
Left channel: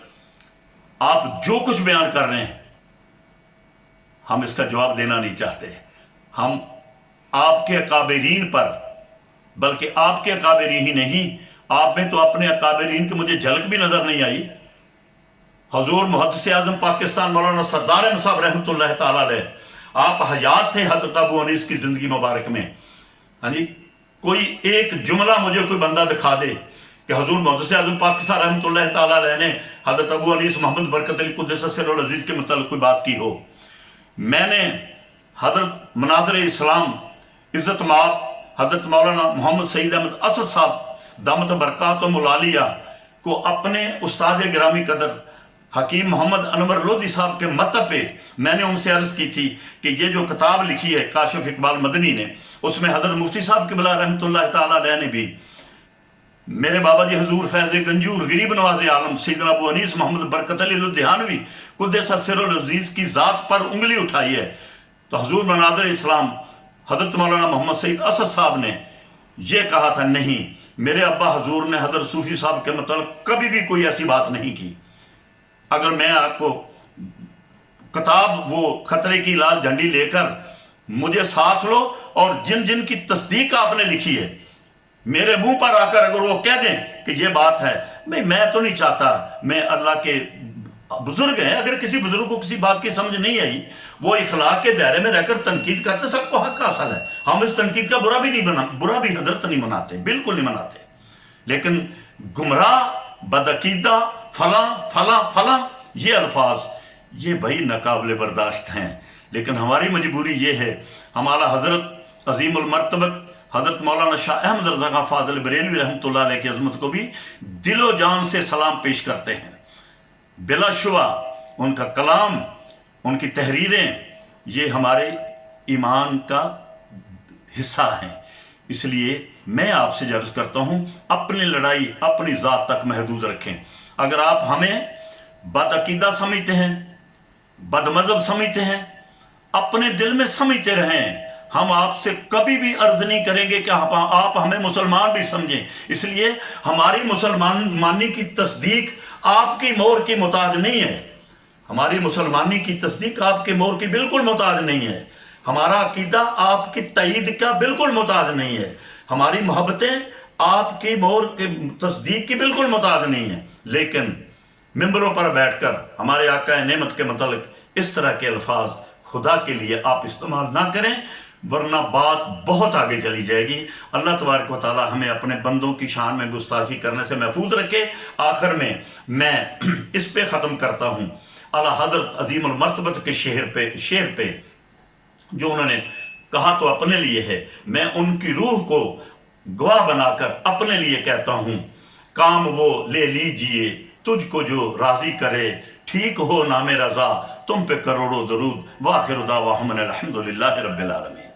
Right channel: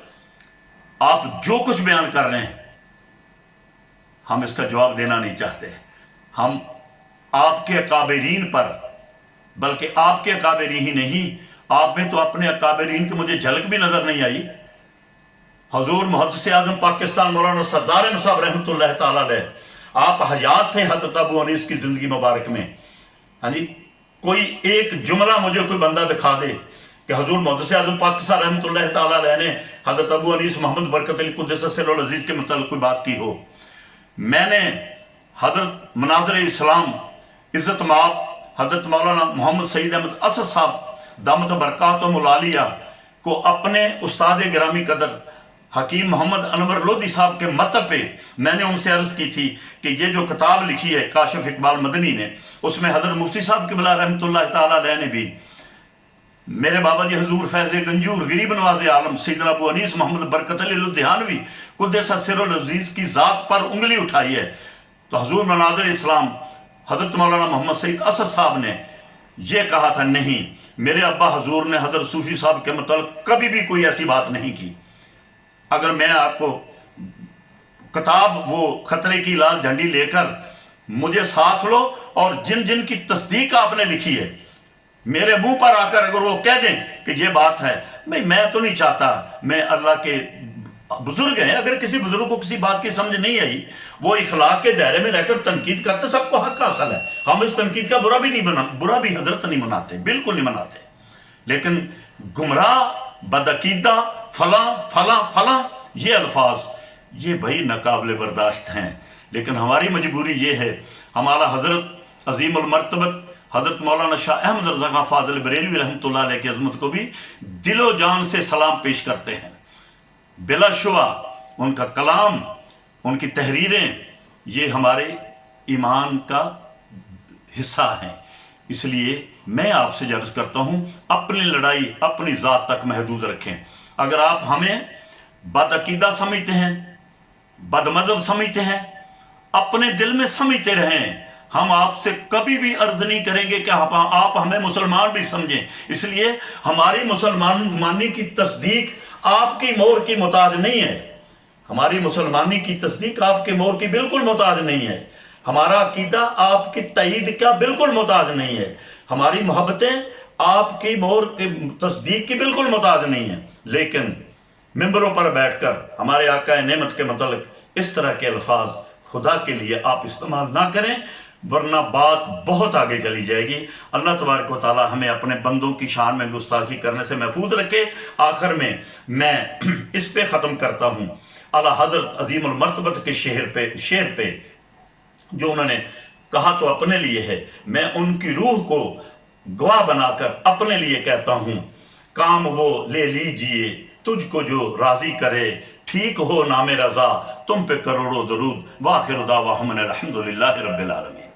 आप जो कुछ बयान कर रहे हैं, हम इसका जवाब देना नहीं चाहते। हम आपके अकाबरीन पर, बल्कि आपके अकाबरी ही नहीं, आप में तो अपने अकाबरीन की मुझे झलक भी नज़र नहीं आई। हजूर मुहद्दिस आज़म पाकिस्तान मौलाना सरदार अहमद साहब रहमतुल्लाह ताला अलैह, आप हयात थे हज़रत अबू अनीस की ज़िंदगी मुबारक में। हाँ जी, कोई एक जुमला मुझे कोई बंदा दिखा दे कि हजूर मुहद्दिस आज़म पाकिस्तान रहमतुल्लाह तआला अलैह ने हज़रत अबू अनीस मोहम्मद बरकत अली कुद्दस सिर्रुल अज़ीज़ के मतलब कोई बात की हो। मैंने हज़रत मनाज़िर इस्लाम इज़्ज़त माब हज़रत मौलाना मोहम्मद सईद अहमद असद साहब दामत बरकातुहुल आलिया को अपने उस्ताद गिरामी कदर हकीम मोहम्मद अनवर लोधी साहब के मतब पे मैंने उनसे अर्ज़ की थी कि ये जो किताब लिखी है काशिफ इकबाल मदनी ने, उसमें हज़रत मुफ्ती साहब क़िबला रहमतुल्लाह तआला अलैह ने भी मेरे बाबा जी हजूर फैज़ गंजूर गरीब नवाज़ आलम सैयदना अबू अनीस मोहम्मद बरकत अली लुधियानवी कुद्दस सिर्रुल अज़ीज़ की ज़ात पर उंगली उठाई है। तो हजूर मनाज़िर इस्लाम हज़रत मौलाना मोहम्मद सईद असद साहब ने यह कहा था, नहीं, मेरे अब्बा हजूर ने हज़रत सूफ़ी साहब के मतलब कभी भी कोई ऐसी बात नहीं की। अगर मैं आपको किताब वो खतरे की लाल झंडी लेकर मुझे साथ लो और जिन जिन की तस्दीक आपने लिखी है मेरे मुंह पर आकर अगर वो कह दें कि ये बात है, मैं तो नहीं चाहता, मैं अल्लाह के बुजुर्ग हैं, अगर किसी बुजुर्ग को किसी बात की समझ नहीं आई वो इखलाक के दायरे में रहकर तनकीद करते, सबको हक हासिल है। हम इस तनकीद का बुरा भी हजरत नहीं मनाते, बिल्कुल नहीं मनाते। लेकिन गुमराह बदअकीदा फला फला फला ये अल्फाज ये भाई नाकाबिले बर्दाश्त हैं। लेकिन हमारी मजबूरी ये है, हमारा हज़रत अज़ीमुल मर्तबत हज़रत मौलाना शाह अहमद रज़ा खां फ़ाज़िल बरेलवी रहमतुल्लाह अलैह की अज़मत को भी दिलो जान से सलाम पेश करते हैं। बिलाशुबा उनका कलाम, उनकी तहरीरें ये हमारे ईमान का हिस्सा हैं। इसलिए मैं आपसे अर्ज़ करता हूँ, अपनी लड़ाई अपनी ज़ात तक महदूद रखें। अगर आप हमें बदअकीदा समझते हैं, बदमज़हब समझते हैं, अपने दिल में समझते रहें। हम आपसे कभी भी अर्ज़ नहीं करेंगे कि आप हमें मुसलमान भी समझें। इसलिए हमारी मुसलमानी की तस्दीक आपकी मोहर की मोहताज नहीं है। हमारी मुसलमानी की तस्दीक आपके मोहर की बिल्कुल मोहताज नहीं है। हमारा अकीदा आपकी तईद का बिल्कुल मोहताज नहीं है। हमारी मोहब्बतें आपकी मोहर की तस्दीक की बिल्कुल मोहताज नहीं है। लेकिन मिंबरों पर बैठकर हमारे आका नेमत के मतलब इस तरह के अल्फाज खुदा के लिए आप इस्तेमाल ना करें, वरना बात बहुत आगे चली जाएगी। अल्लाह तबारक व तआला हमें अपने बंदों की शान में गुस्ताखी करने से महफूज रखे। आखिर में मैं इस पे ख़त्म करता हूँ आला हज़रत अज़ीमुल मर्तबत के शेर पे जो उन्होंने कहा तो अपने लिए है, मैं उनकी रूह को गवाह बनाकर अपने लिए कहता हूँ, काम वो ले लीजिए तुझको जो राज़ी करे, ठीक हो नामे रज़ा तुम पे करोड़ों दरूद, वाखिर दावा अल्हम्दुलिल्लाहि रब्बिल आलमीन।